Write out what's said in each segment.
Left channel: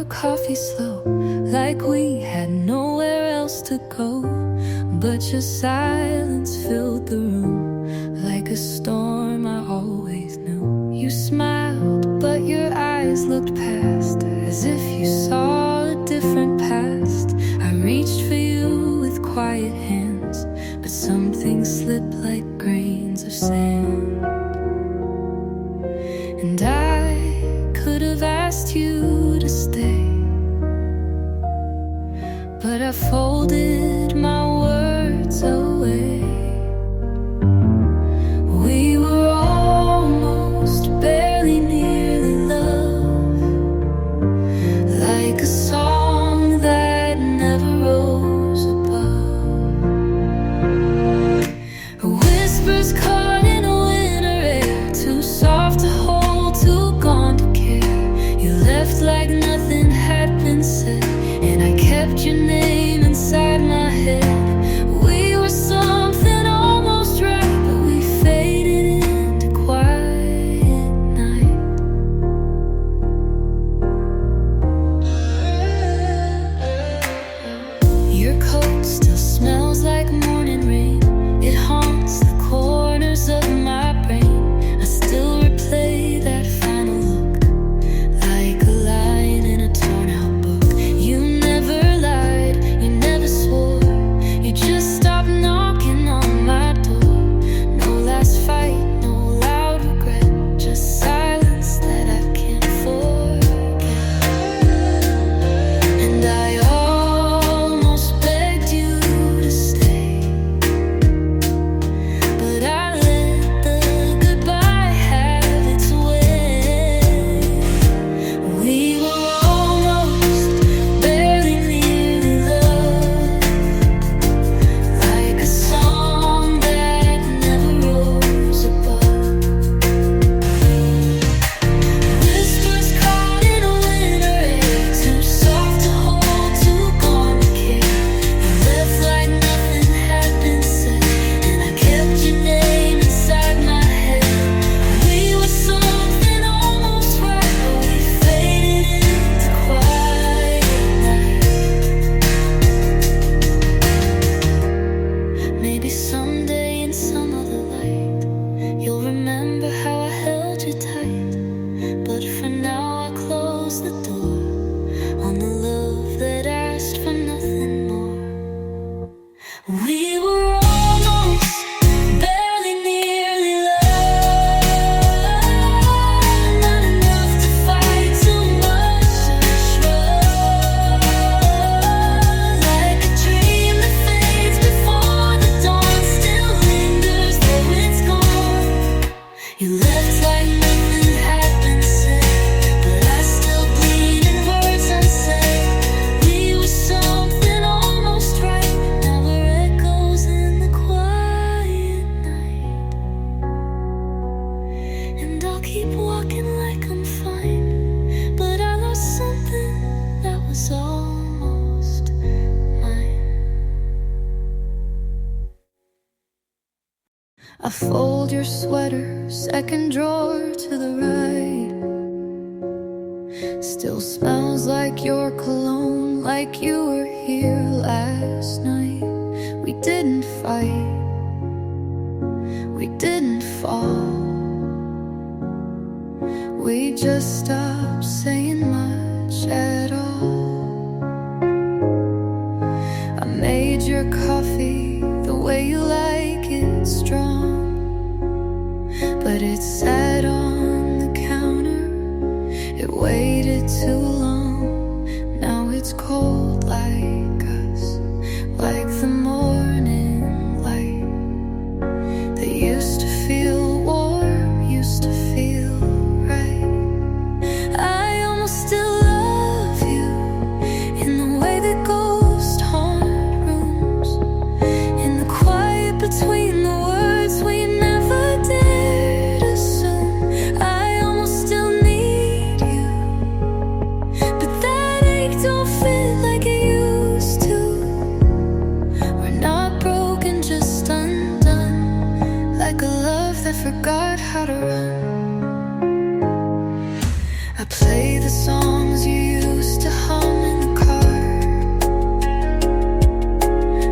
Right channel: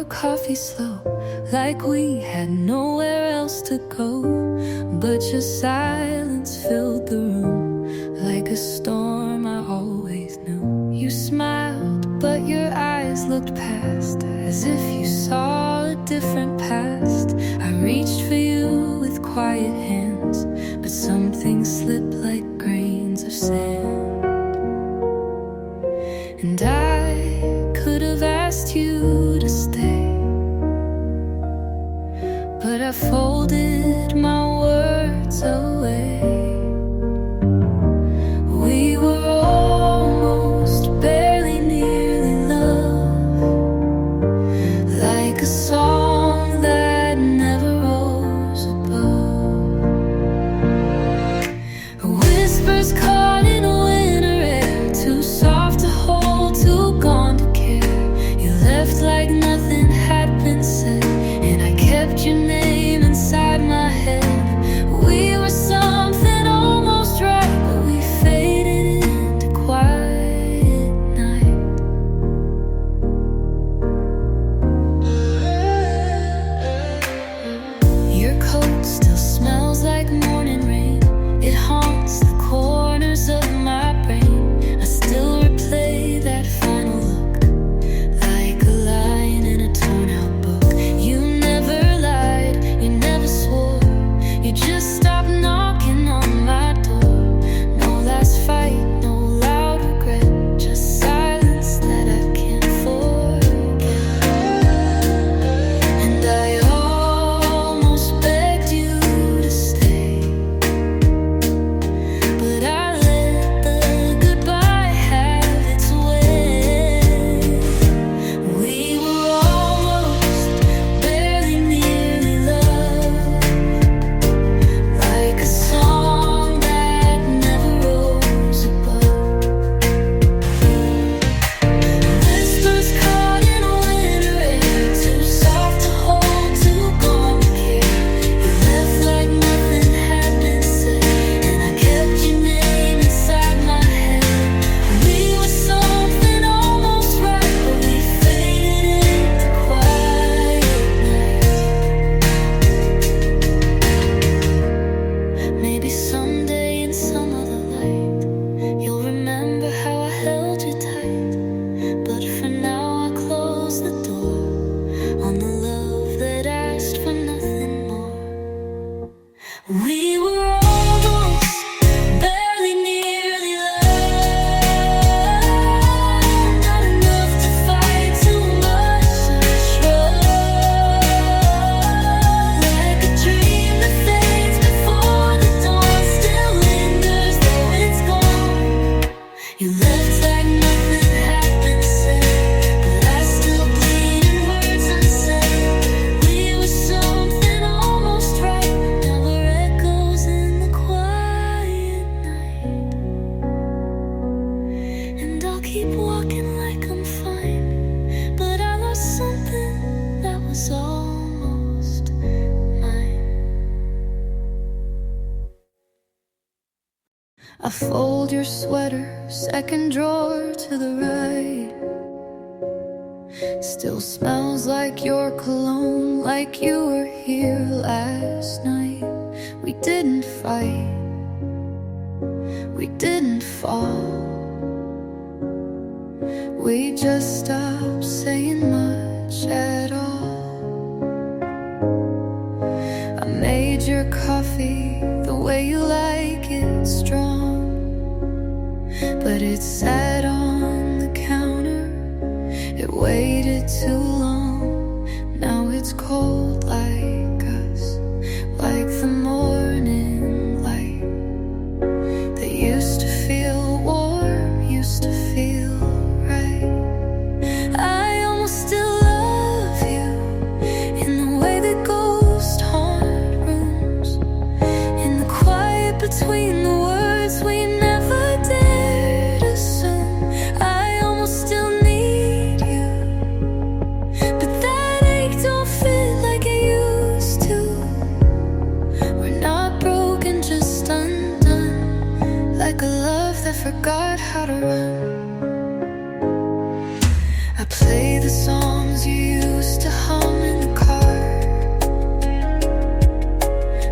your coffee slow, like we had nowhere else to go. But your silence filled the room, like a storm I always knew. You smiled, but your eyes looked past, as if you saw a different past. I reached for you with quiet hands, but something slipped like grains of sand. And I could have asked you to stay, but I folded my words away. We were almost, barely, nearly love, like a song that never rose above. Whispers caught in a winter air, too soft to hold, too gone to care. You left like nothing had been said, and I kept your name inside my head. We were something almost right, but we faded into quiet night. Your coat still smells like morning rain. It haunts the corners of my brain. I still replay that final look, like a line in a torn out book. You never lied, you never swore, you just stopped knocking on my door. No last fight, no loud regret, just silence that I can't forget. And I almost begged you to stay, but I let the goodbye have its way. We were almost, barely, nearly love, like a song that never rose above. Whispers caught in a winter air, too soft to hold, too gone to care. You left like nothing had been said, and I kept your name inside my head. We were something almost right, but we faded into quiet night. Maybe someday in some other light, you'll remember how I held you tight. But for now I close the door on the love that asked for nothing more. We were almost, barely, nearly love, not enough to fight, too much to trust. Like a dream that fades before the dawn, still lingers though it's gone. You left like nothing had been said, but I still bleed in words unsaid. We were something almost right, now we're echoes in the quiet night. And I'll keep walking like I'm fine, but I lost something that was almost mine. I fold your sweater, second drawer to the right. Still smells like your cologne, like you were here last night. We didn't fight, we didn't fall, we just stopped saying much at all. I made your coffee the way you like it, strong, but it sat on the counter, it waited too long. Now it's cold like us, like the morning light that used to feel warm, used to feel right. I almost still love you in the way that ghosts haunt rooms, in the quiet between the words we never dared assume. I almost still need you, but that ache don't fit like it used to. We're not broken, just undone, like a love that forgot how to run. I play the songs you used to hum in the car.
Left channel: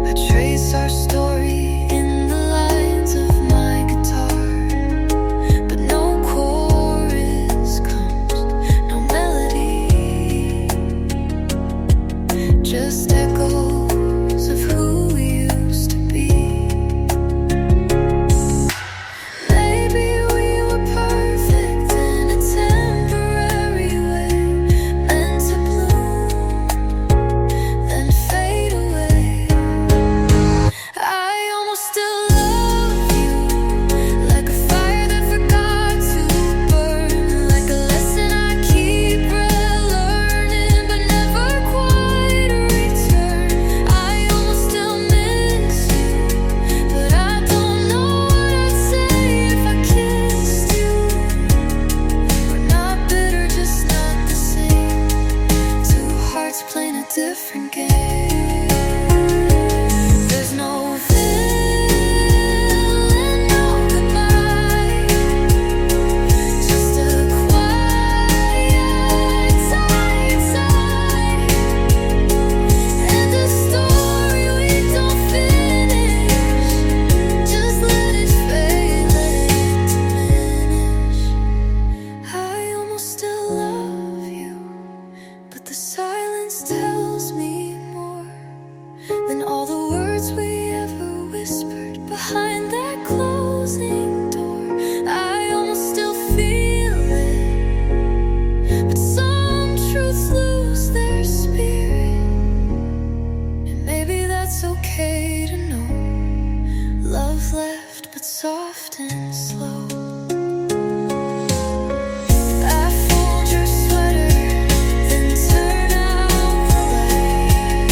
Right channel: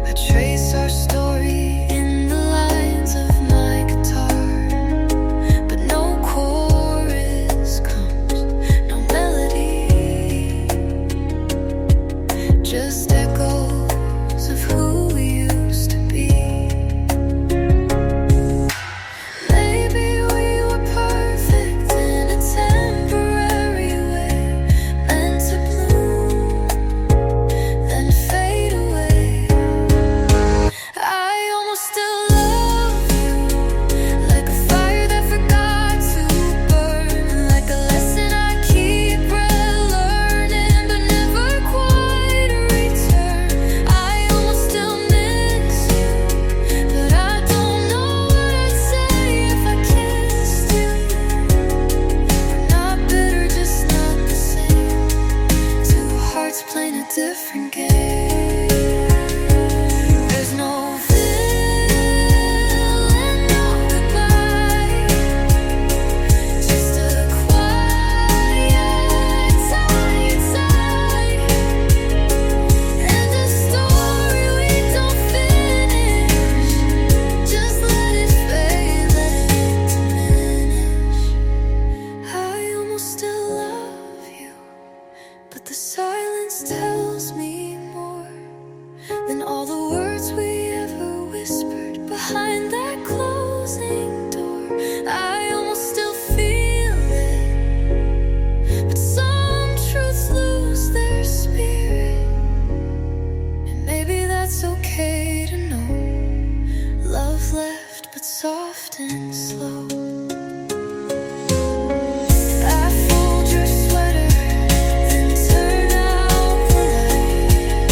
I trace our story in the lines of my guitar, but no chorus comes, no melody, just echoes of who we used to be. Maybe we were perfect in a temporary way, meant to bloom, then fade away. I almost still love you, like a fire that forgot to burn, like a lesson I keep relearning but never quite return. I almost still miss you, but I don't know what I'd say if I kissed you. We're not bitter, just not the same. Two hearts playing a different game. There's no feeling, no goodbye, just a quiet, tired sigh, and a story we don't finish. Just let it fade, let it diminish. I almost still love you, but the silence tells me more than all the words we ever whispered behind that closing door. I almost still feel it, but some truths lose their spirit, and maybe that's okay to know. Love left, but soft and slow. I fold your sweater, then turn out the light.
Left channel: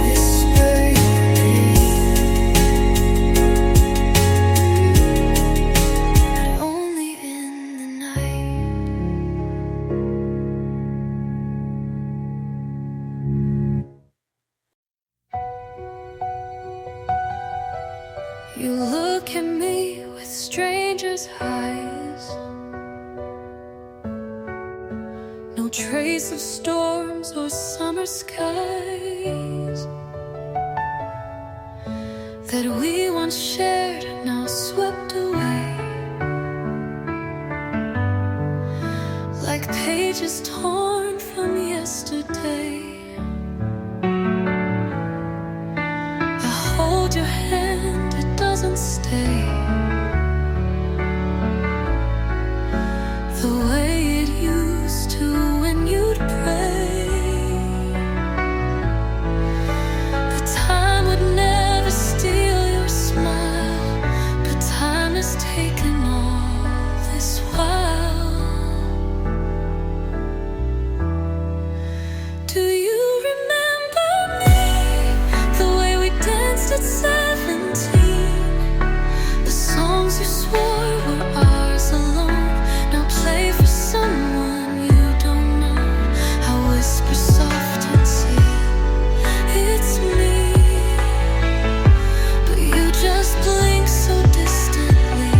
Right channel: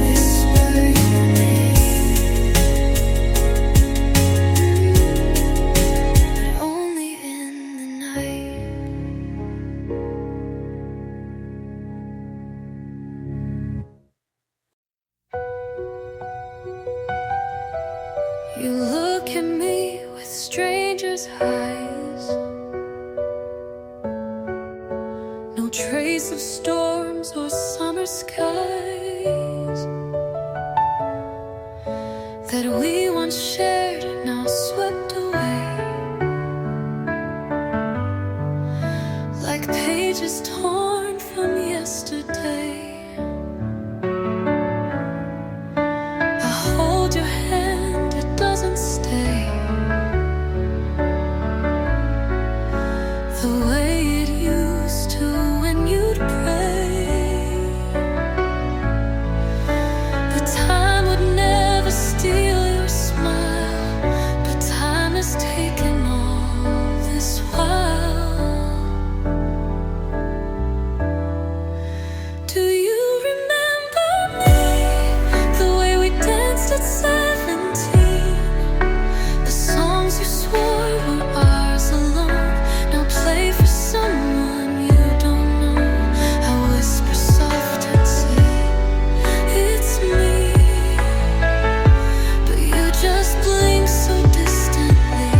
Whisper your name, but only in the night. You look at me with strangers' eyes, no trace of storms or summer skies that we once shared, now swept away, like pages torn from yesterday. I hold your hand, it doesn't stay the way it used to when you'd pray. The time would never steal your smile, but time has taken all this while. Do you remember me? The way we danced at 17, the songs you swore were ours alone, now play for someone you don't know. I whisper soft and say, it's me, but you just blink so distantly.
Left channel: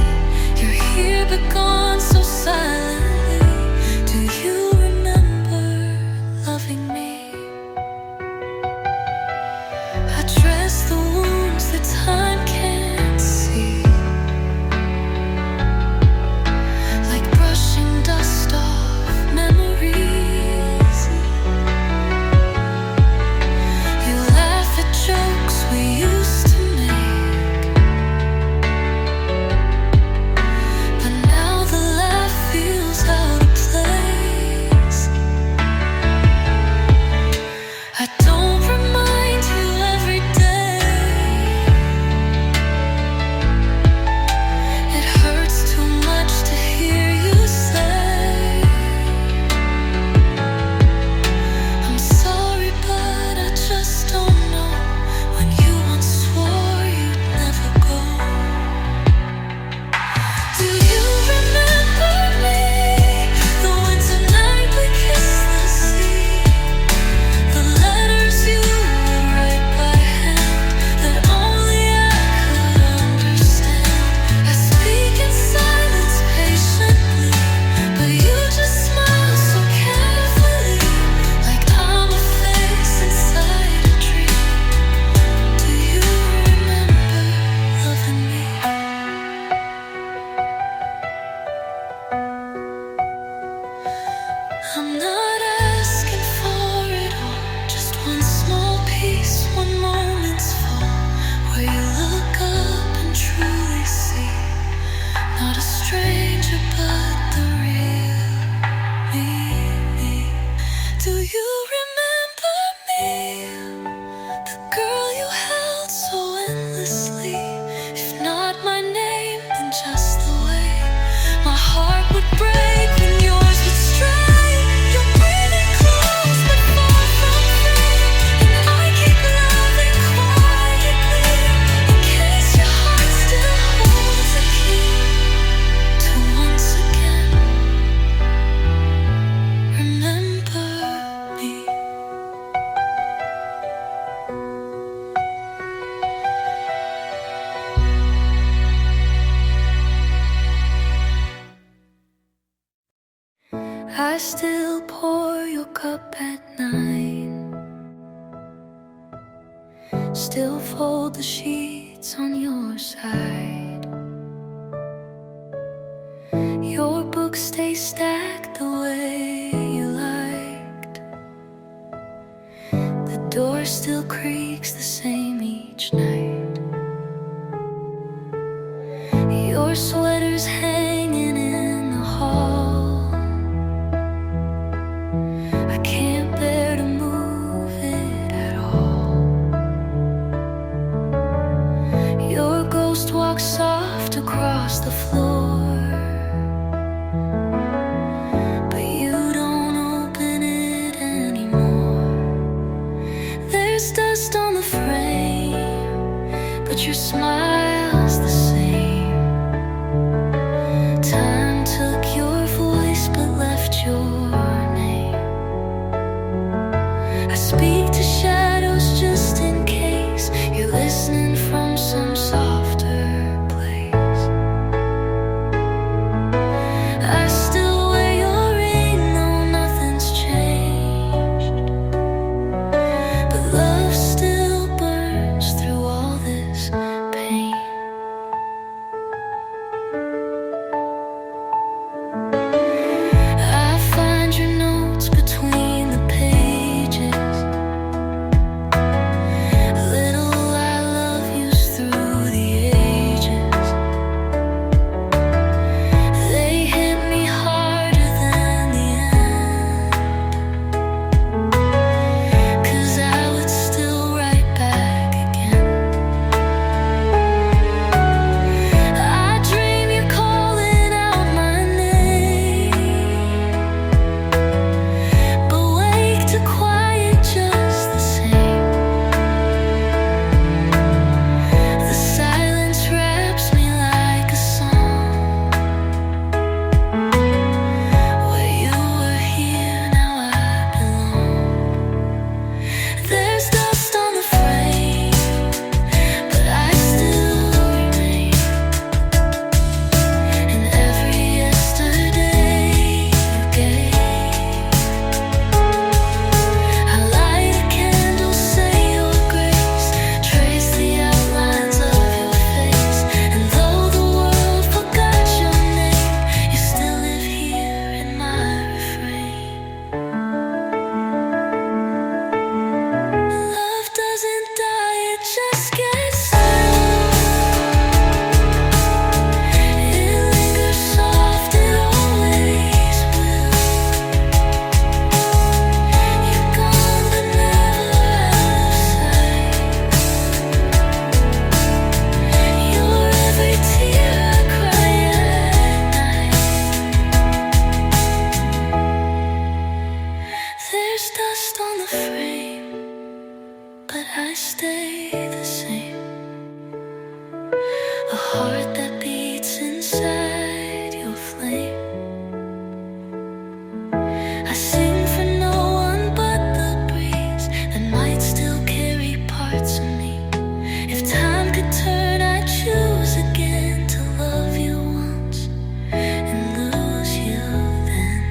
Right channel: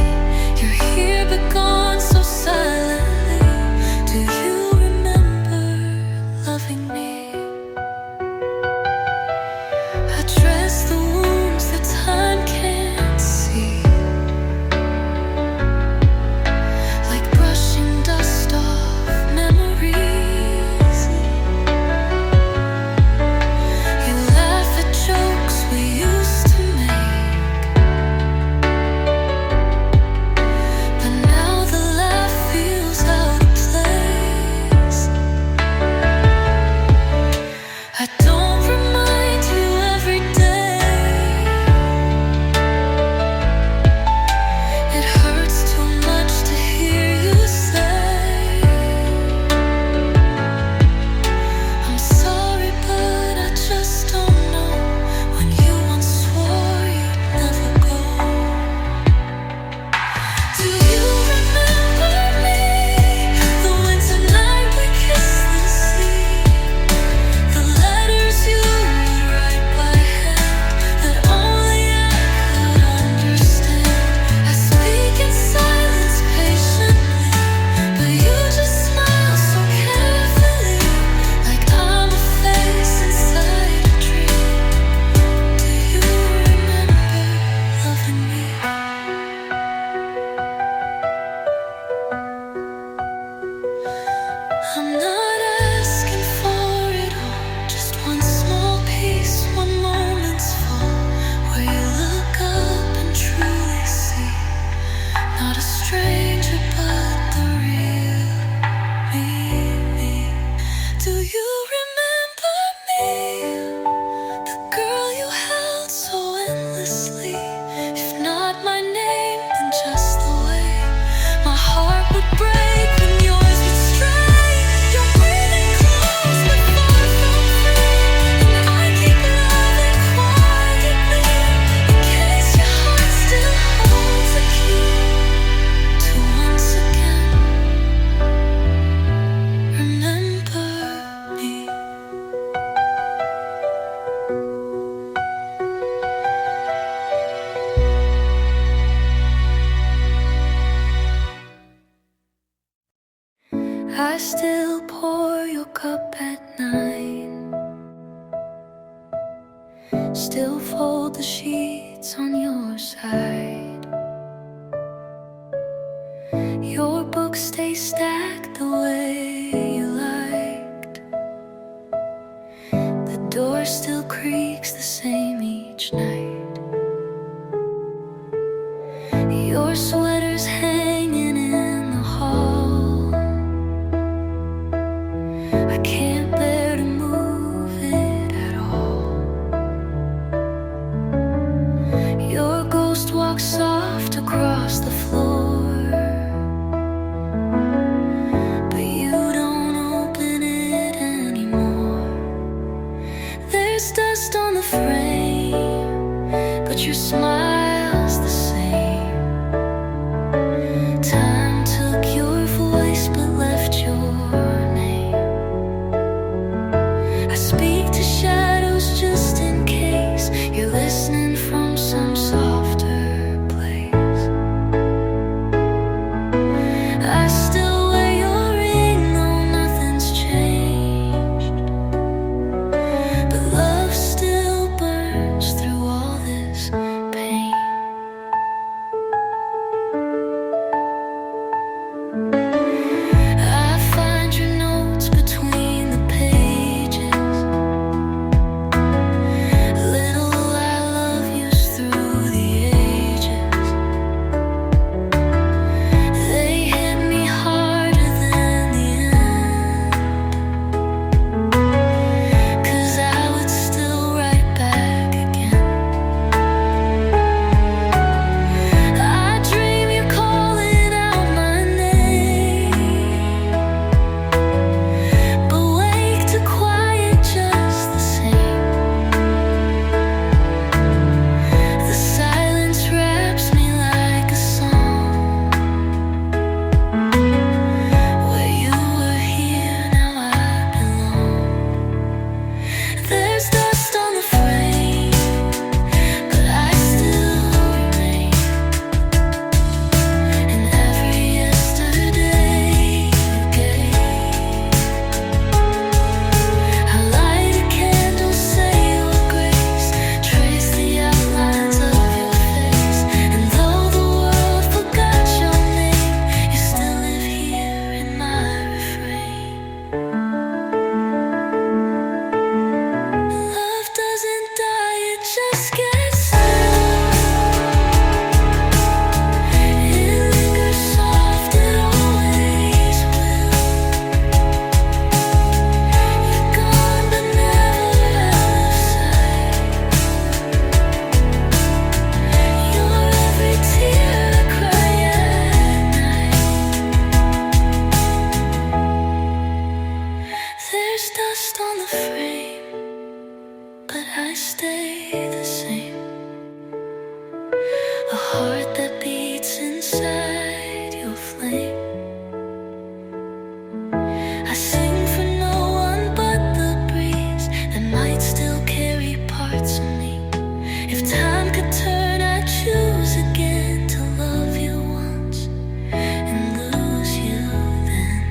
I still pour your cup at night, still fold the sheets on your side. Your books stay stacked the way you liked. The door still creaks the same each night. Your sweater's hanging in the hall. I can't bear to move it at all. Your ghost walks soft across the floor, but you don't open it anymore. There's dust on the frame, but your smile's the same. Time took your voice but left your name. I speak to shadows just in case you're listening from some softer place. I still wear your ring though nothing's changed, but love still burns through all this pain. I find your notes between the pages. Little I love yous through the ages. They hit me harder than the end, 'cause I would still write back again. I dream you're calling out my name, but wake to quiet just the same. The silence wraps me like a song. Where you were here, now I belong. There's dust on the frame, but I still remain. In every yesterday you gave, I light a candle, say your grace, trace the outlines of your face. And though the world forgot your name, you still live here in my refrain. Love doesn't die, it just gets new. It lingers soft, it always will. You're gone but never out of sight. You're every tear I cry at night. There's dust on the frame, but I stay the same. A heart that beats inside your flame. I sing for no one but the breeze that might still carry parts of me. If time could turn, I'd choose again to love you once and lose you then.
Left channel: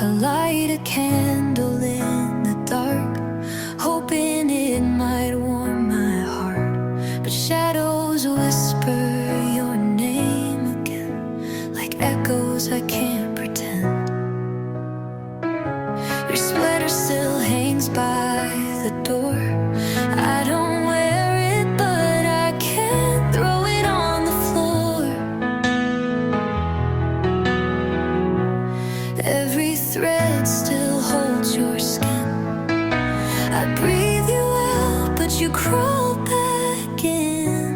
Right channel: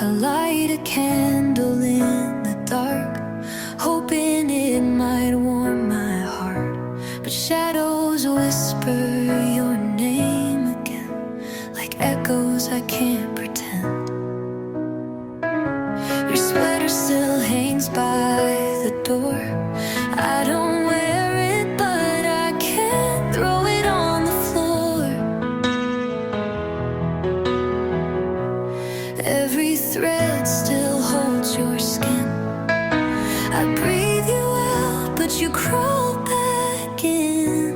I light a candle in the dark, hoping it might warm my heart. But shadows whisper your name again, like echoes I can't pretend. Your sweater still hangs by the door. I don't wear it, but I can't throw it on the floor. Every thread still holds your skin. I breathe you out, but you crawl back in.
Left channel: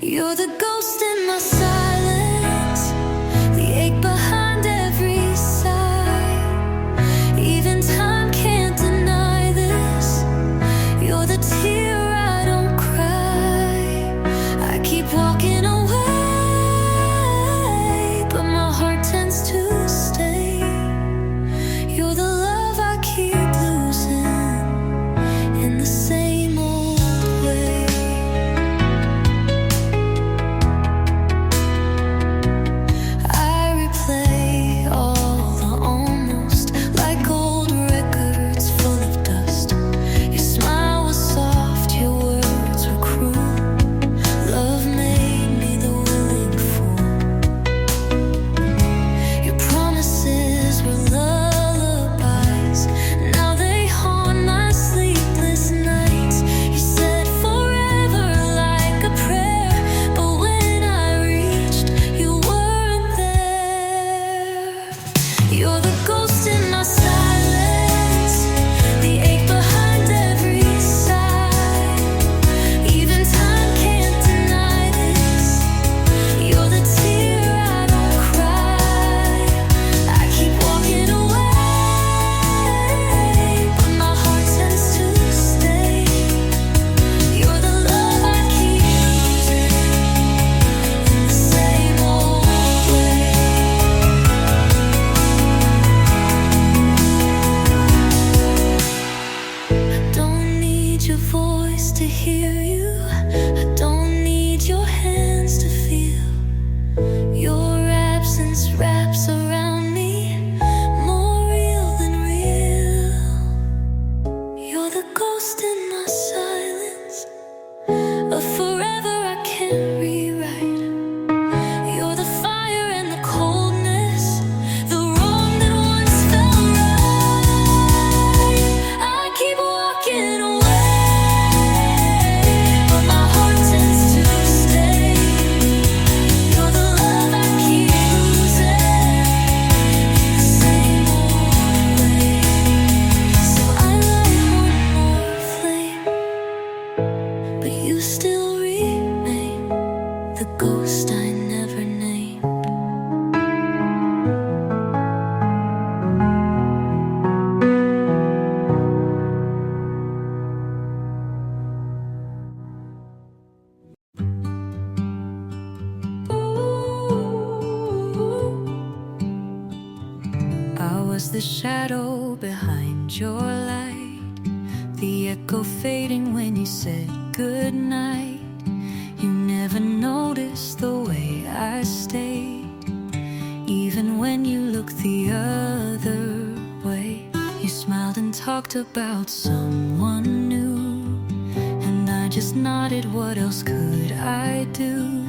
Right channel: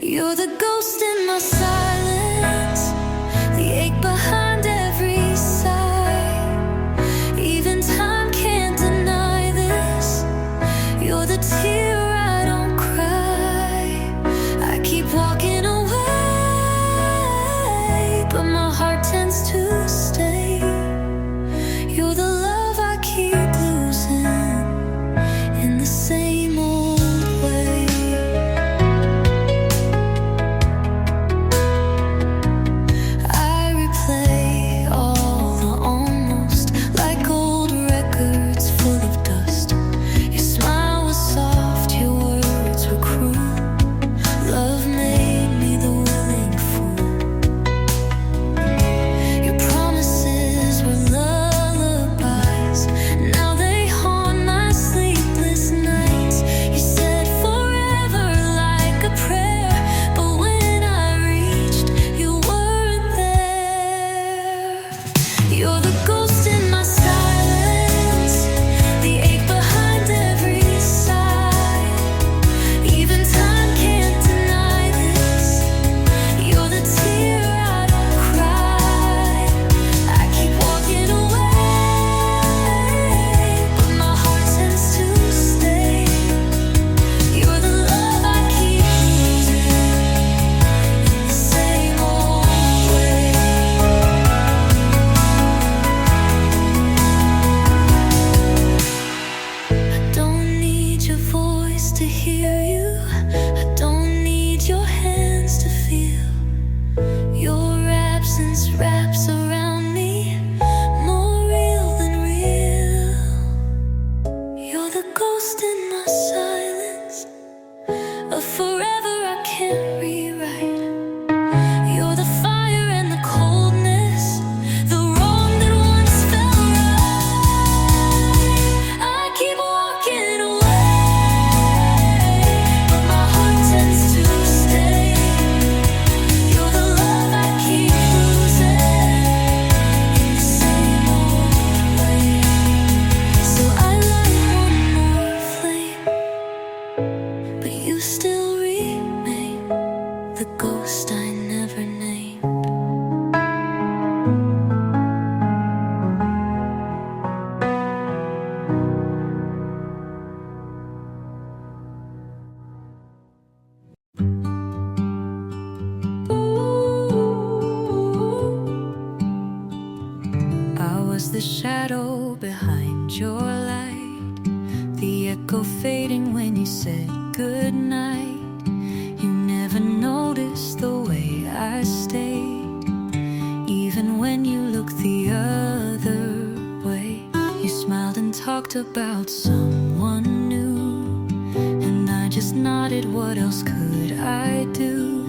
You're the ghost in my silence, the ache behind every sigh. Even time can't deny this. You're the tear I don't cry. I keep in the same old way. I replay all the almost, like old records full of dust. Your smile was soft, your words were cruel. Love made me the willing fool. Your promises were lullabies, now they haunt my sleepless nights. You said forever like a prayer, but when I reached, you weren't there. You're the ghost in my silence, the ache behind every sigh. Even time can't deny this. You're the tear I don't cry. I keep walking away, but my heart tends to stay. You're the love I keep losing in the same old way. I don't need your voice to hear you. I don't need your hands to feel. Your absence wraps around me, more real than real. You're the ghost in my silence, a forever I can't rewrite. You're the fire and the coldness, the wrong that once felt right. I keep walking away, but my heart tends to stay. You're the love I keep losing in the same old way. So I light one more flame, but you still remain the ghost I never named. I was the shadow behind your light, the echo fading when you said goodnight. You never noticed the way I stayed, even when you looked the other way. You smiled and talked about someone new, and I just nodded. What else could I do?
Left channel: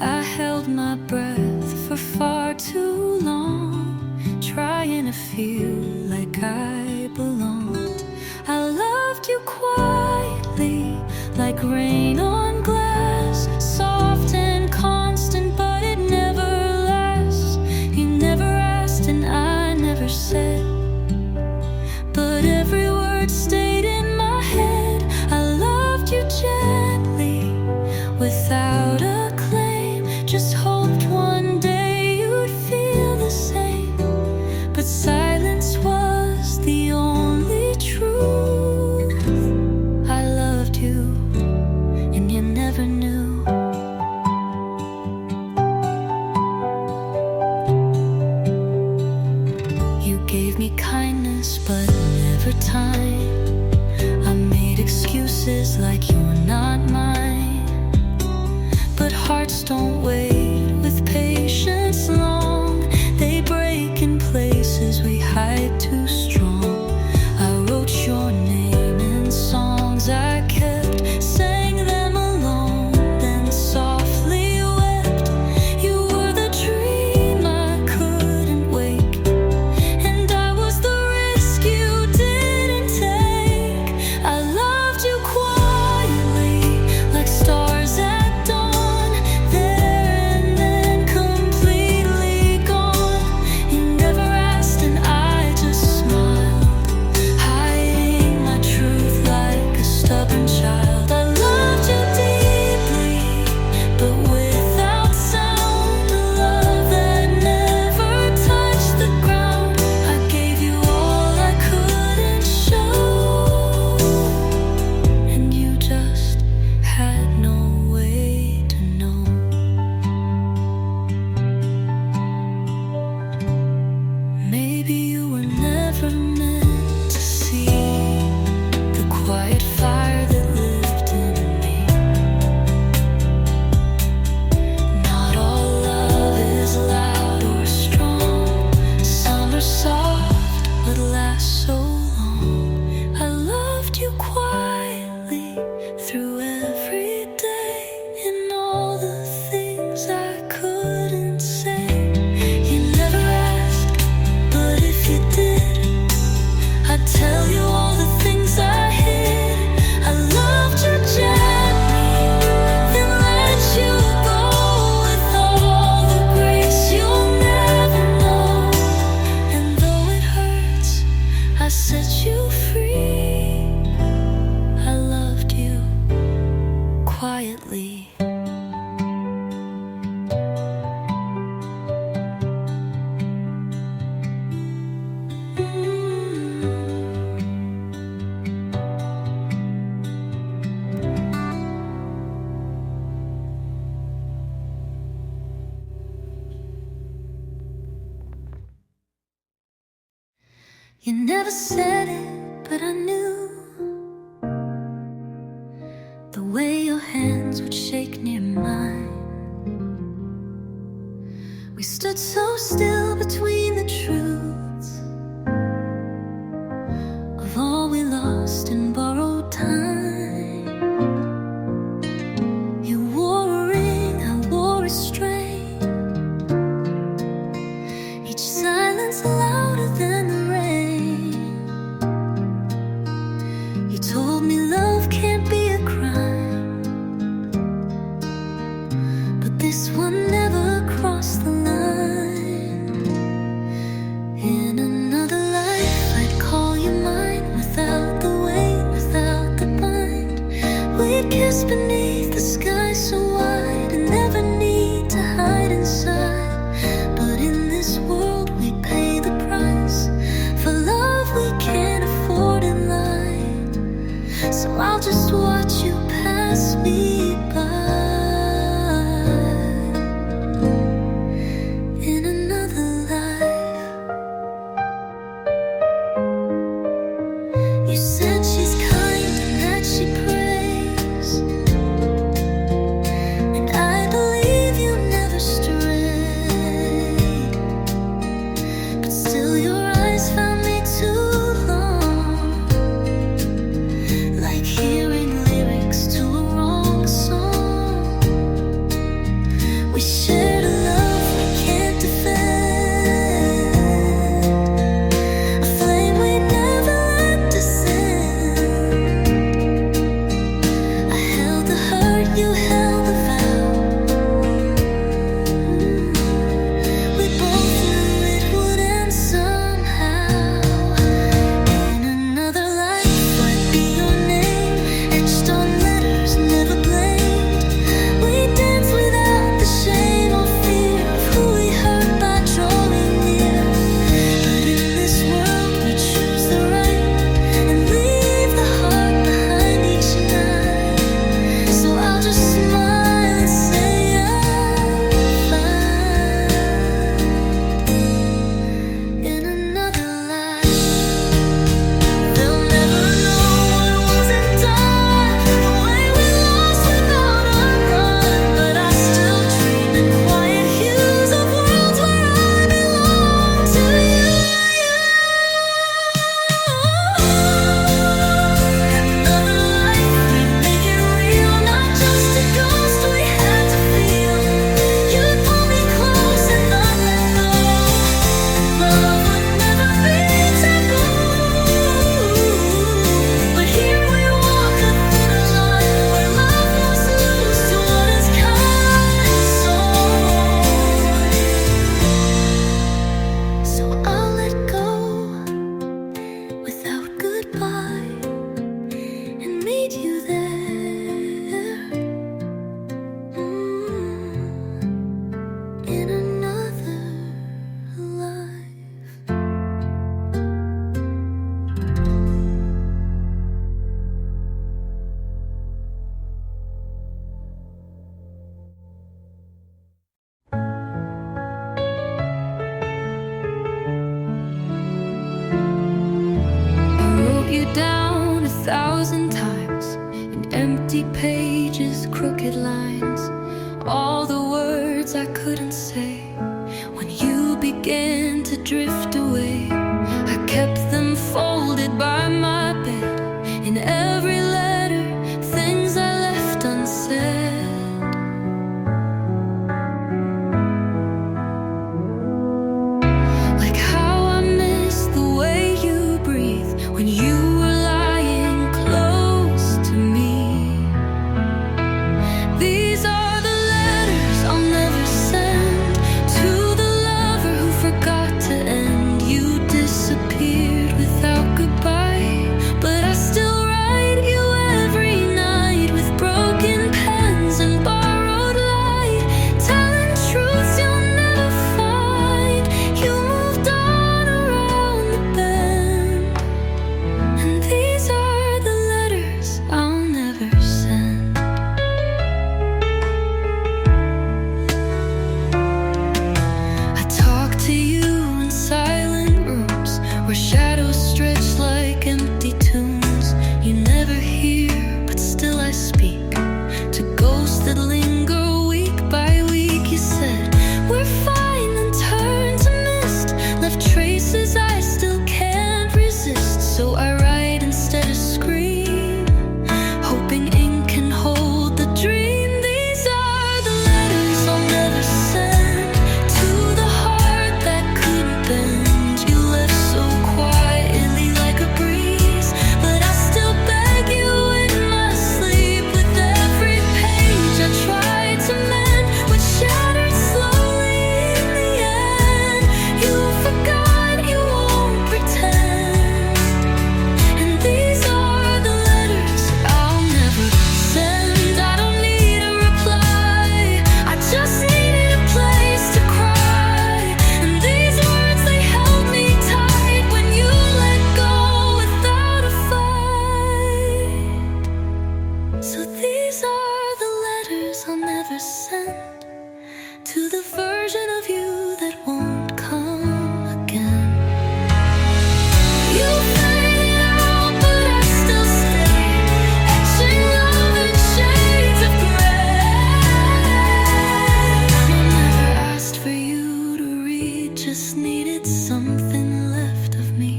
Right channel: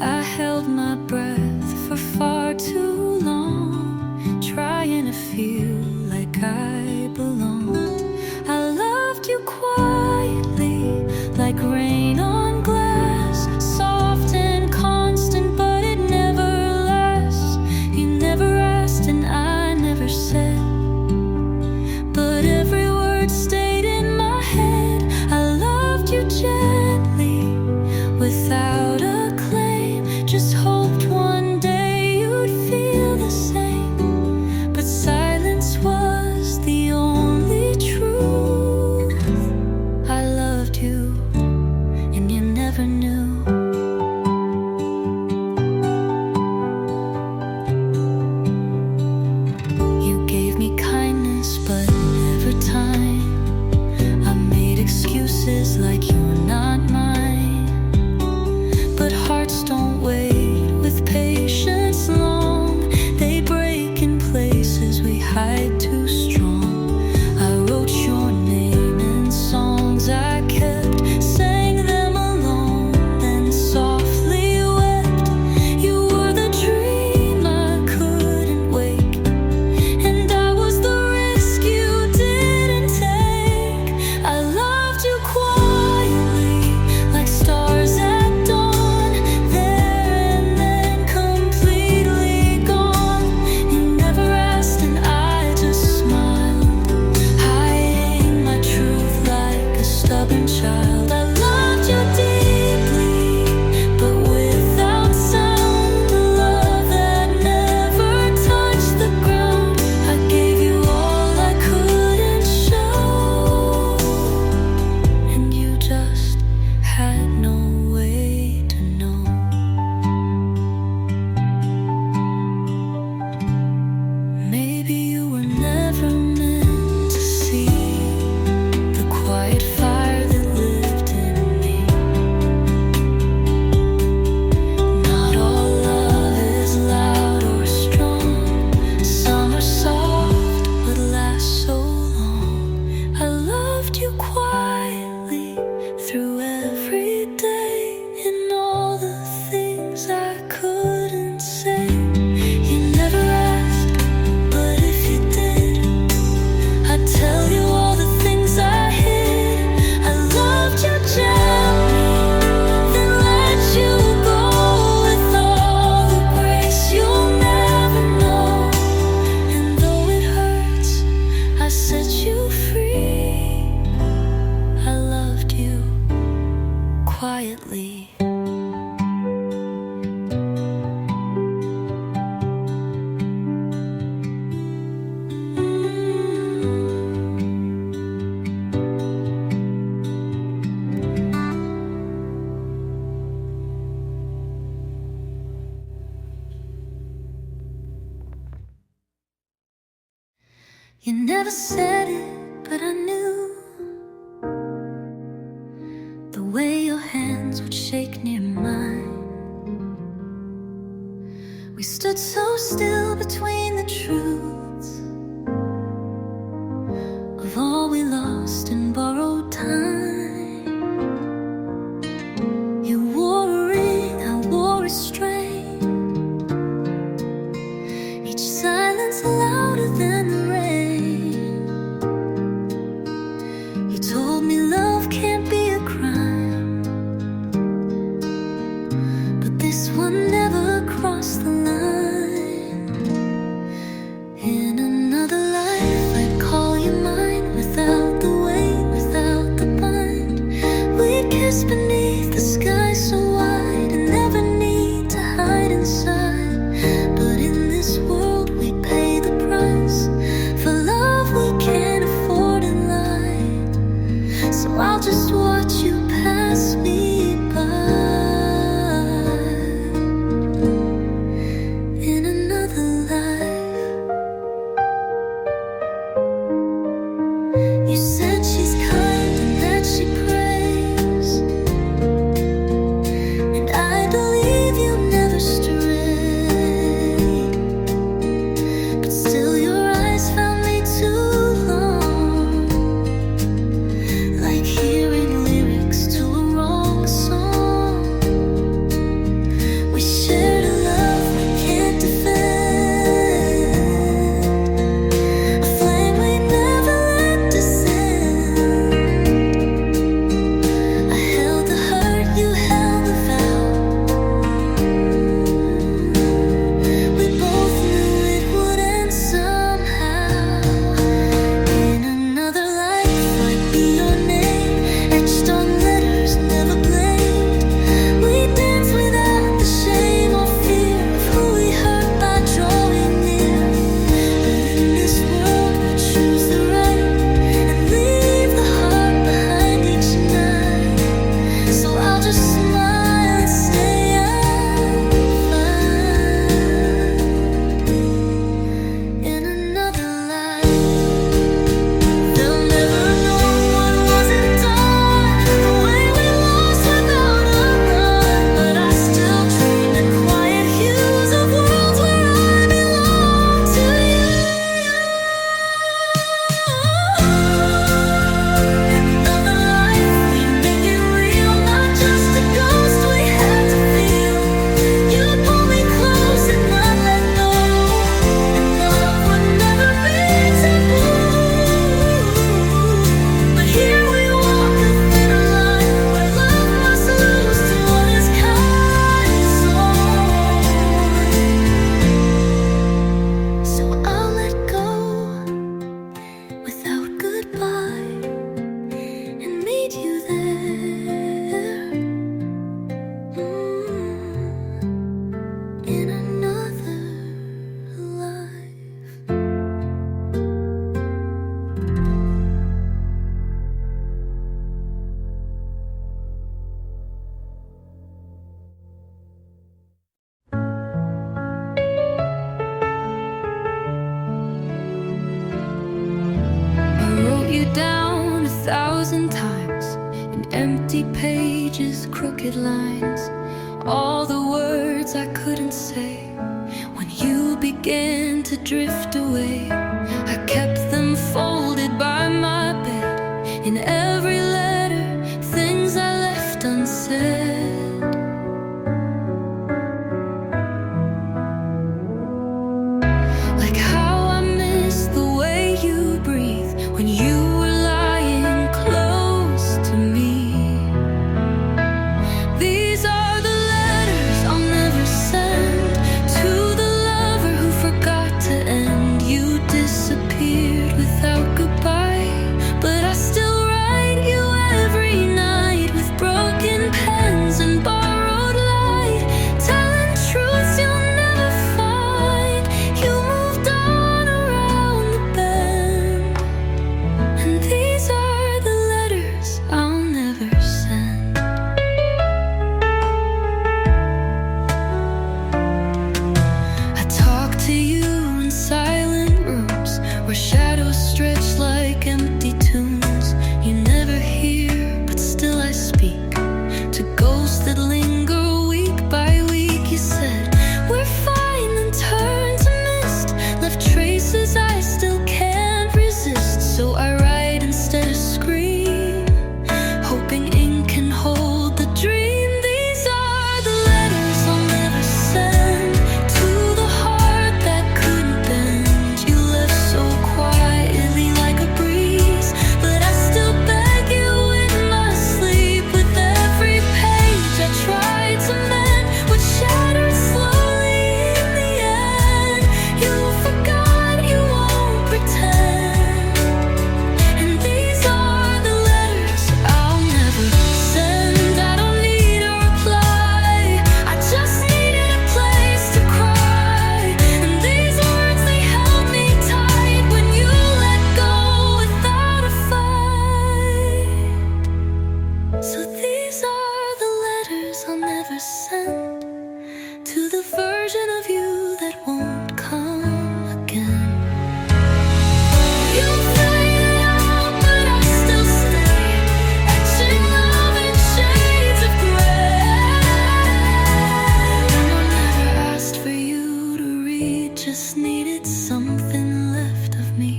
I held my breath for far too long, trying to feel like I belonged. I loved you quietly, like rain on glass, soft and constant, but it never lasts. You never asked and I never said, but every word stayed in my head. I loved you gently, without a claim, just hoped one day you'd feel the same. But silence was the only truth. I loved you, and you never knew. You gave me kindness, but never time. I made excuses like you're not mine, but hearts don't wait with patience long. They break in places we hide too strong. I wrote your name in songs I kept, sang them alone, then softly wept. You were the dream I couldn't wake, and I was the risk you didn't take. I loved you quietly, like stars at dawn, there and then completely gone. You never asked and I just quiet fire that lived in me. Not all love is loud or strong. Some are soft but last so long. I loved you quietly through every day, and all the things I couldn't say. You never asked, but if you did, I'd tell you all the things I hid. I loved you gently, then let you go with all the grace you'll never know. And though it hurts, I set you free. I loved you quietly. You never said it, but I knew the way your hands would shake near mine. We stood so still between the truths of all we lost in borrowed time. You wore a ring, I wore a strain. Each silence louder than the rain. You told me love can't be a crime, but this one never crossed the line. In another life I'd call you mine, without the weight, without the bind. We'd kiss beneath the sky so wide, and never need to hide inside. But in this world we pay the price for love we can't afford in life. So I'll just watch you pass me by. In another life, you said she's kind and that she prays, and I believe you never strayed. But still your eyes found me too long, like hearing lyrics to a wrong song. We shared a love we can't defend, a flame we never let descend. I held the hurt, you held the vow. We both knew it would end somehow. In another life I'd be your name, etched on letters, never blamed. We dance without the shame or fear of who we hurt by drawing near. But in this world we choose the right and leave the heart behind each night. So I'll just smile and say I'm fine. In another life they'll never know what wasn't done, the way we lost without a run. But I still dream in quiet hues of worlds where I belong to you. In another life we'd make it real, not just a ghost we had to feel. You'd pull me close and not let go, and love would never be taboo. But here we walk a thinner line, where love must lose to what is kind. So I'll let go without goodbye and meet you there. In another life. I wrote you down 1,000 times in empty pages, crooked lines, all the words I couldn't say. When you began to drift away, I kept them folded by my bed. In every letter, things I left unsaid. Like how I miss the way you breathe when you were lying close to me. These are the letters I'll never send to the lover who forgot to end. You disappeared without goodbye, but I still write you every night with broken pens and borrowed light, telling truths you'll never find. You moved on around the bend, and these are the letters I'll never send. I talk to you in silent rooms where shadows stretch like empty tombs. You never hear, but still I speak to ghosts that linger week by week. You said we're fine, then turned to mist, left traces I still can't resist. So I write instead of scream, hoping ink can hold the dream. These are the letters I'll never send to the heart that couldn't bend. You left so quietly like a breeze, but I still beg you in my sleep. With every page I tried to mend, which shattered slowly in the end. You forgot, you won't pretend, and these are the letters I'll never send. I don't need a reply, I just needed a place to cry. And these words, they held me tight when you let go without a fight. So these are the letters I'll never send to the version of you that won't come again. You faded out, but I still stay, etching love in shades of gray. And I never asked for you to read, just needed something left of me.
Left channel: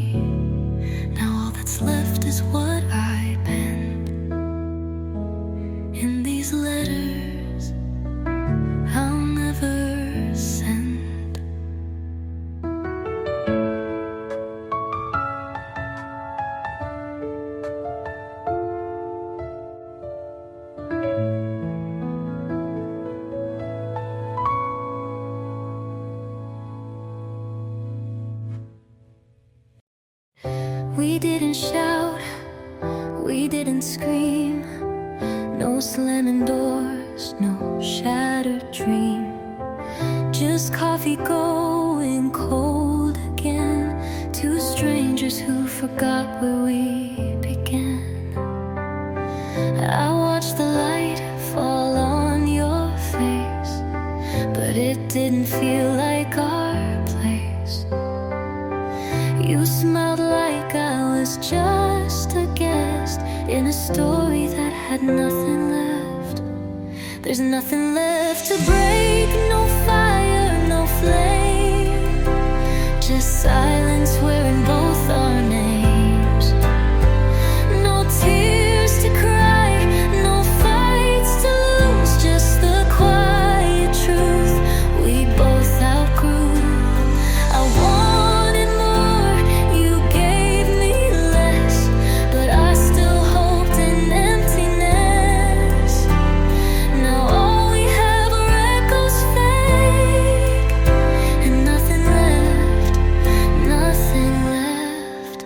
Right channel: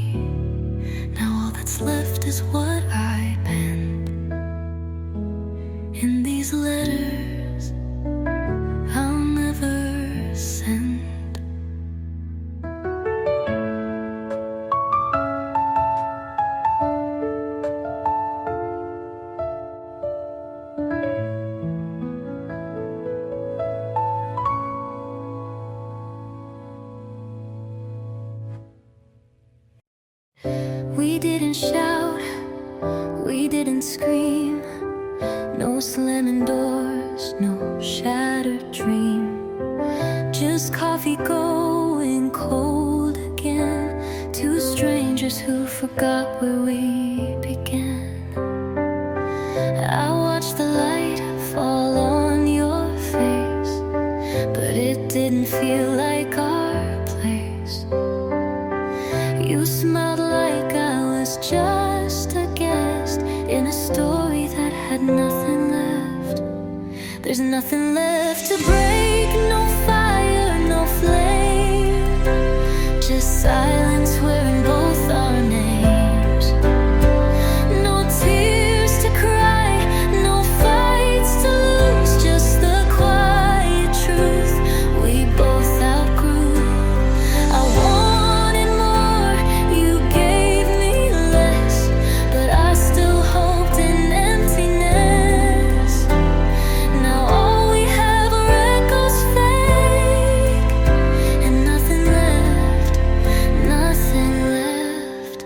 Now all that's left is what I penned in these letters I'll never send. We didn't shout, we didn't scream, no slamming doors, no shattered dream. Just coffee going cold again, two strangers who forgot where we began. I watched the light fall on your face, but it didn't feel like our place. You smiled like I was just a guest in a story that had nothing left. There's nothing left to break, no fire, no flame, just silence wearing both our names. No tears to cry, no fights to lose, just the quiet truth we both outgrew. I wanted more, you gave me less, but I still hoped in emptiness. Now all we have are echoes fake, and nothing left, nothing left.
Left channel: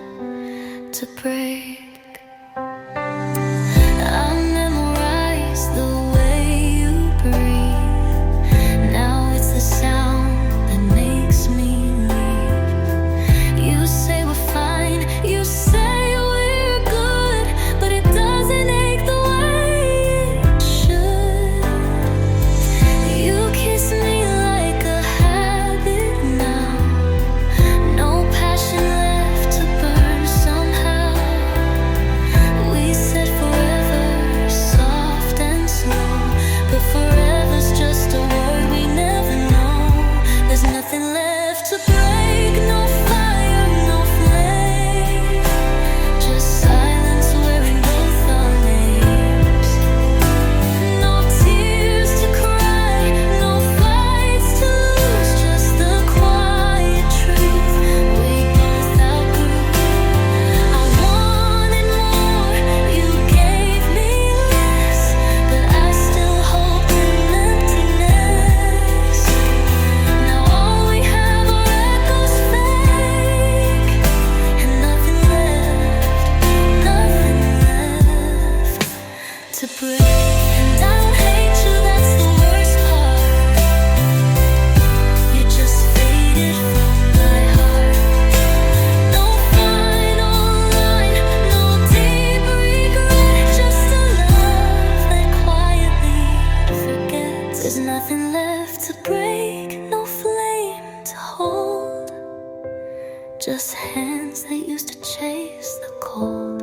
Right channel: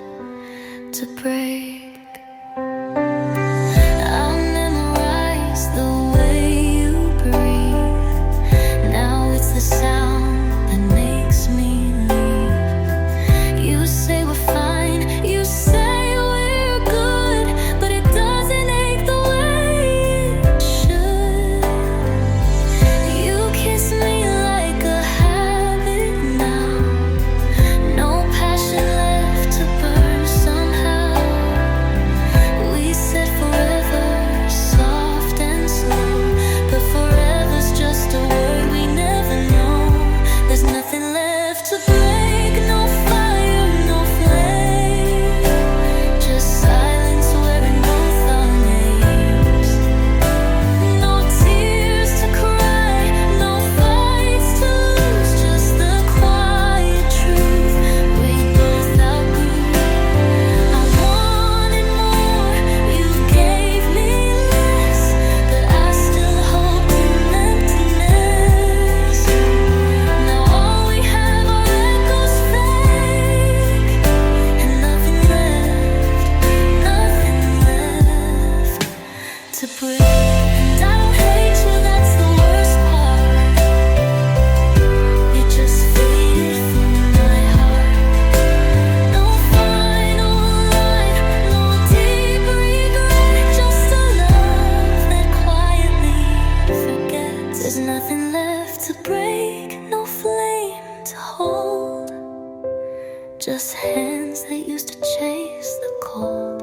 to break. And I don't hate you, that's the worst part. You just faded from my heart. No final line, no deep regret, just a love that quietly forgets. There's nothing left to break, no flame to hold, just hands that used to chase the cold.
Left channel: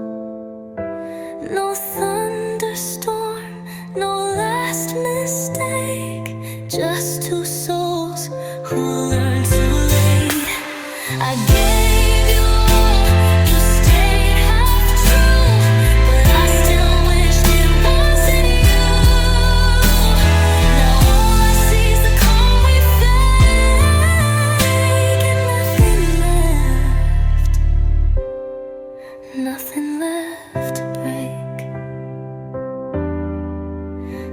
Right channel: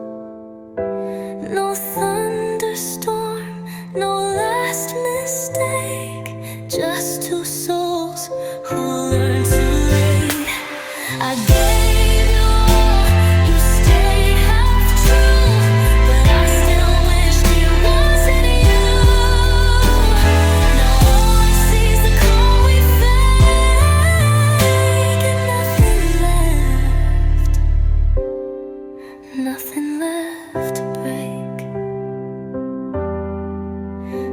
No thunderstorm, no last mistake, just two souls who learned too late. I gave you all, you stayed half true, but I still wished it wasn't you. Now all I see is the calm we fake, and nothing left to break.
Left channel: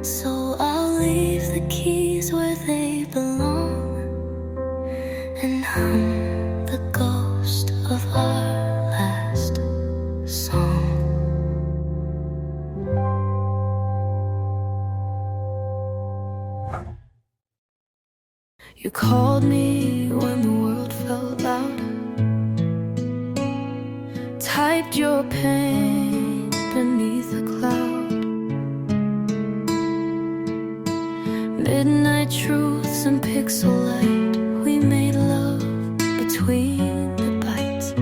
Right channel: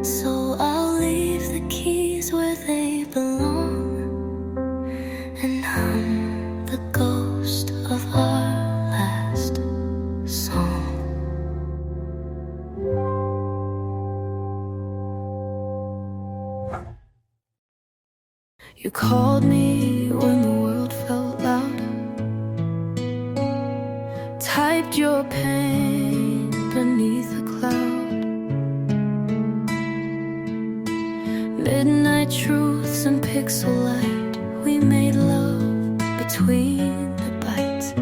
So I'll leave the keys where they belong and hum the ghost of our last song. You called me when the world felt loud, typed your pain beneath a cloud. Midnight truths and pixel light, we made love between the bites.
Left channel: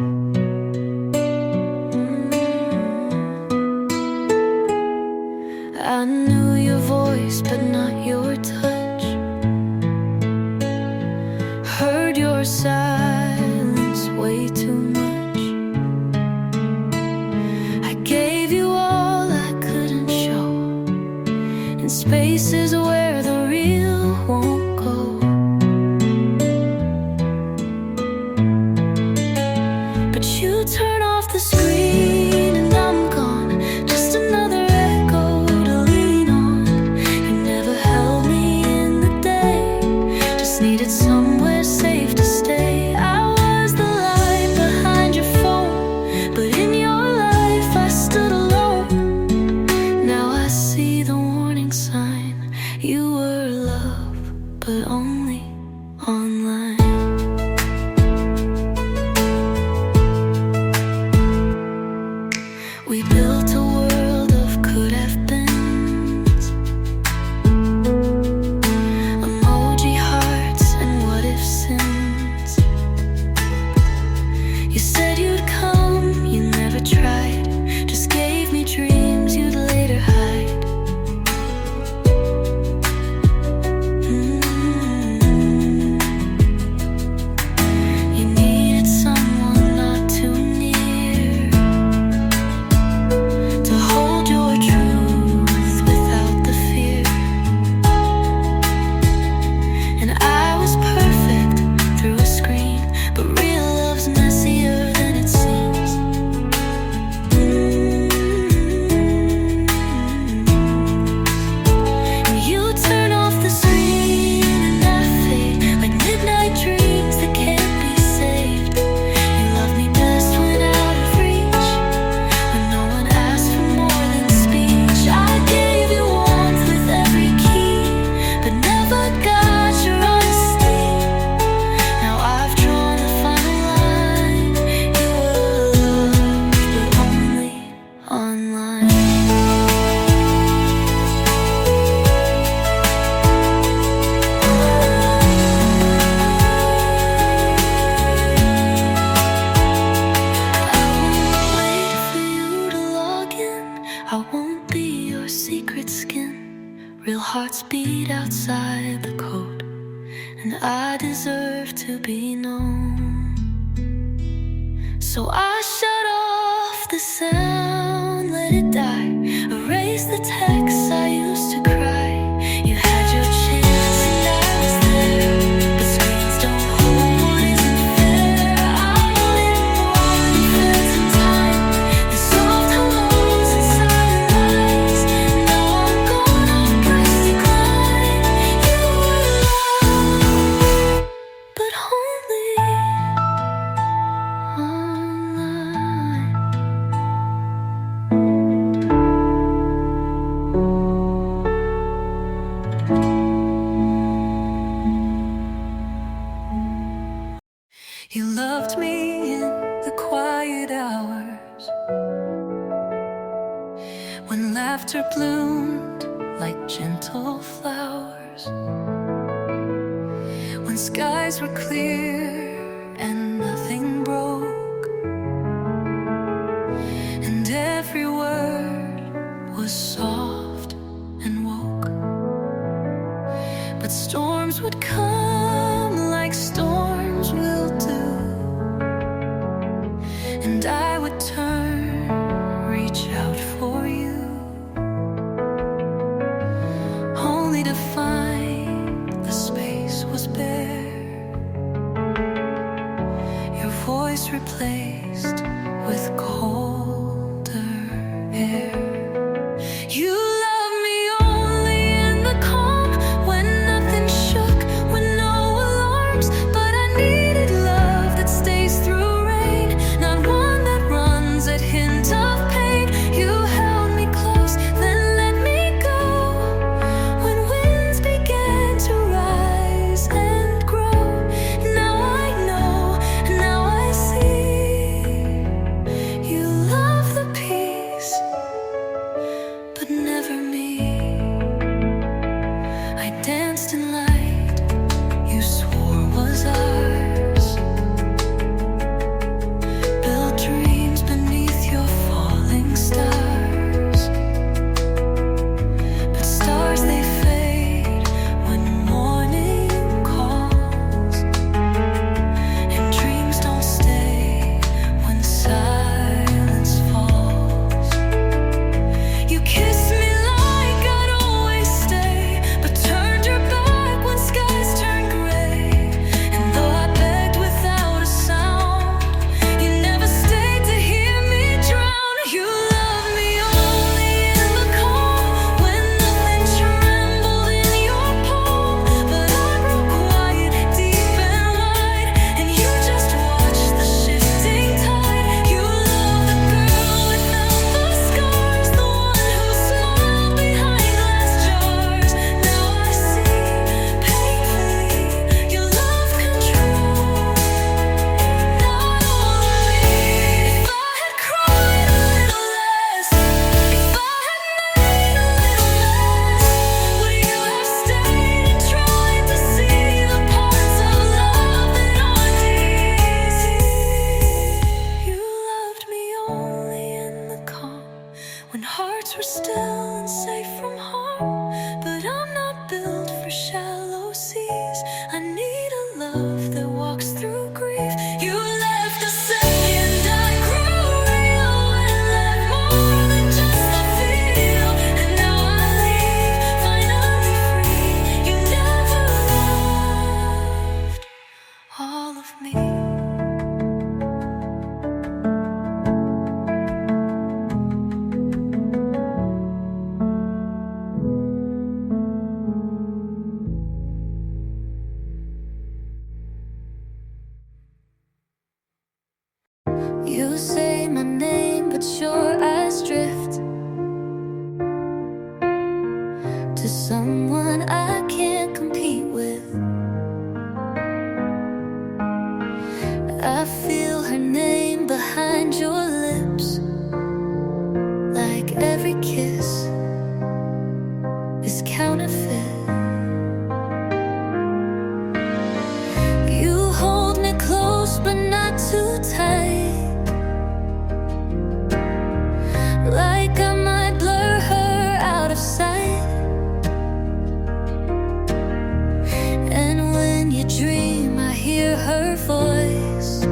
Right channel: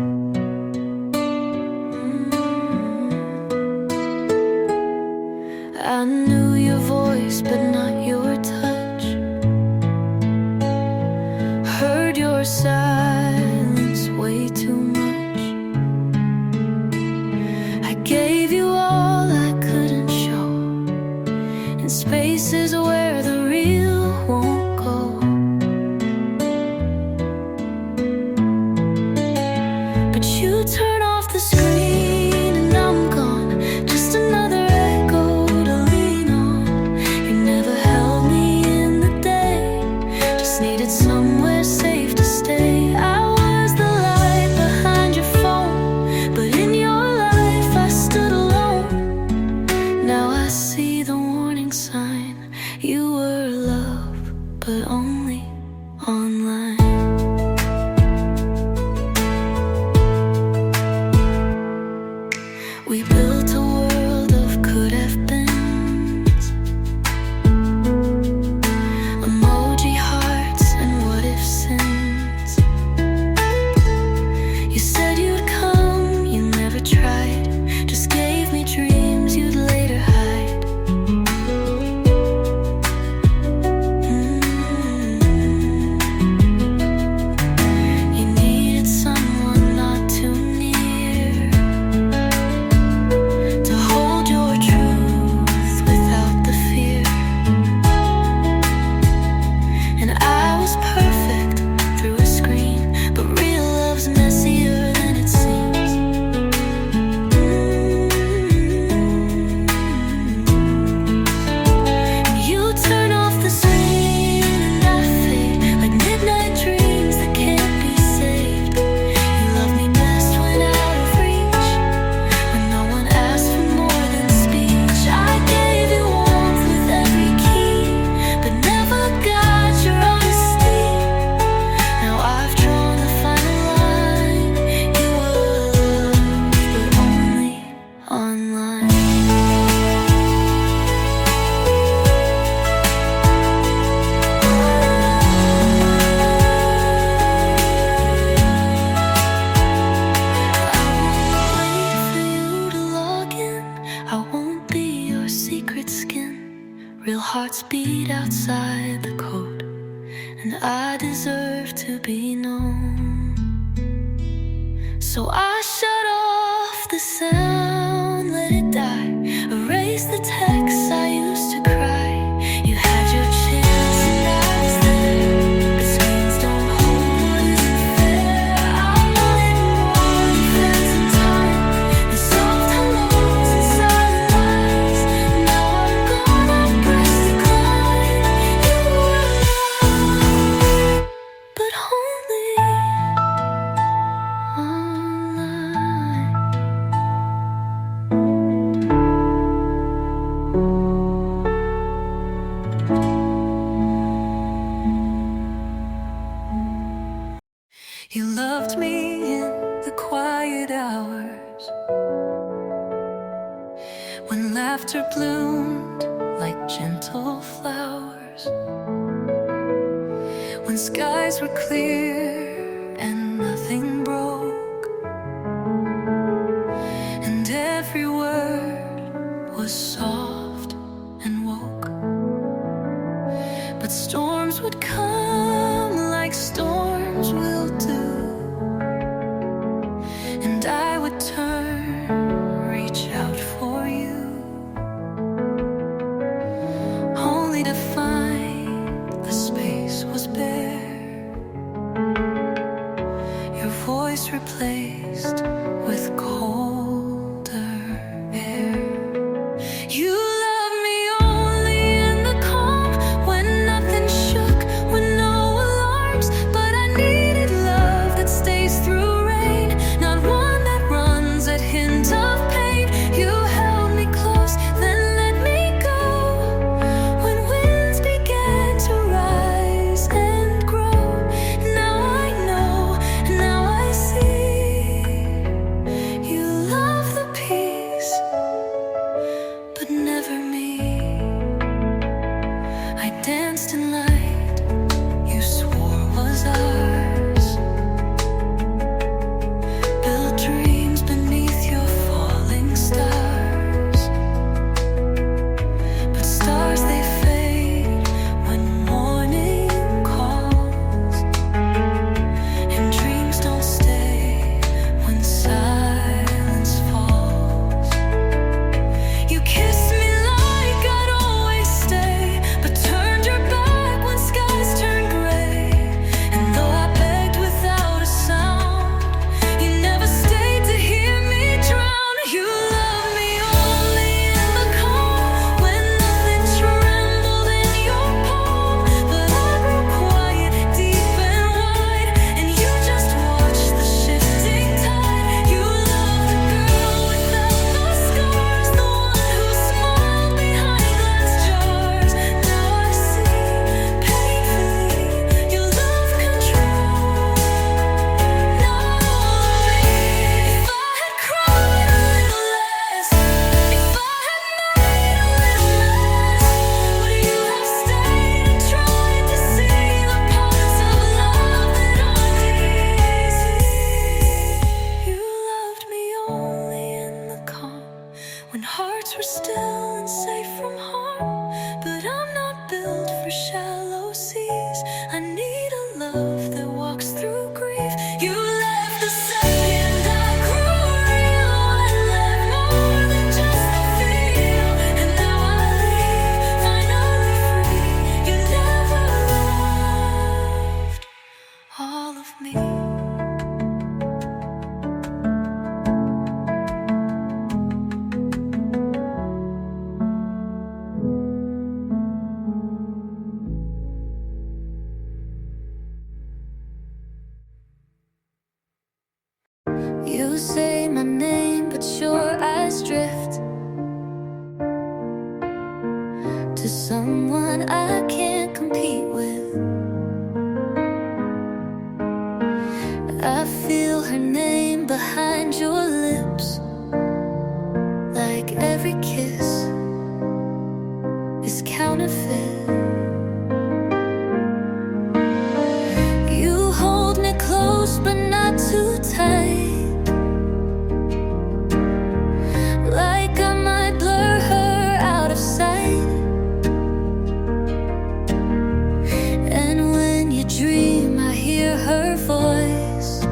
I knew your voice but not your touch, heard your silence way too much. I gave you all I couldn't show, in spaces where the real won't go. But you turn off the screen and I'm gone, just another echo to lean on. You never held me in the day, just needed somewhere safe to stay. I was the light behind your phone, but in your life I stood alone. Now I see the warning sign, you were love, but only online. We built a world of could-have-beens, emoji hearts and what-if sins. You said you'd come, you never tried, just gave me dreams you'd later hide. You needed someone not too near to hold your truth without the fear. And I was perfect through a screen, but real love's messier than it seems. And you turn off the screen and I fade like midnight dreams that can't be saved. You love me best when out of reach, when no one asked for more than speech. I gave you warmth with every key, but never got your honesty. Now I've drawn the final line, you were loved, but only online. I won't be your secret skin. Real hearts beat outside the code, and I deserve to be known. So I shut off the sound, let it die, erase the texts I used to cry. You had your chance and I was there, but screens don't hold what isn't fair. I wanted more than phantom time, the soft hellos and silent lights. Now I'm gonna press decline. You were loved, but only online. You loved me in the quiet hours, when laughter bloomed like gentle flowers, when skies were clear and nothing broke, and every word was soft and woke. But storms would come like storms will do, and I would turn, reach out for you, only to find the space was bare, your voice replaced with colder air. You love me only in the calm, when nothing shook, when no alarms. But I needed love that stays through rain, not one that runs at hint of pain. You held me close, then let me go, when winds began to rise and grow. Now I know, now I see, you love the peace, but never me. I danced in light you swore was ours, built dreams beneath your falling stars. But stars, they fade when morning calls, and dreams don't stay when silence falls. You kissed me like I'd always stay, but turned your back when skies turned gray. And though I begged without a sound, you never stayed to hear me drown. You love me only in the calm, when nothing trembled in your palm. But I grew quiet, deep and wide, and you just watched the shifting tide. You love the girl without the scars, the one who smiled behind glass jars. Now I see, painfully, you love control, not all of me. If I had cried a little less, if I had made a little mess, would you have stayed and tried to see the parts of love that aren't easy? You loved me only in the calm, when hearts were still and safe from harm. But I'm not built for shallow seas, I need a love that walks through grief. You left the second I grew real, and left more than just the feel. And now I leave, finally free. You never loved all of me. You say my name, but your eyes drift to someone I can't compete with. I feel her name behind your lips, like every kiss is counterfeit. You hold me close, but not too tight, like I might blur her out of sight. And when you dream, I hear her voice.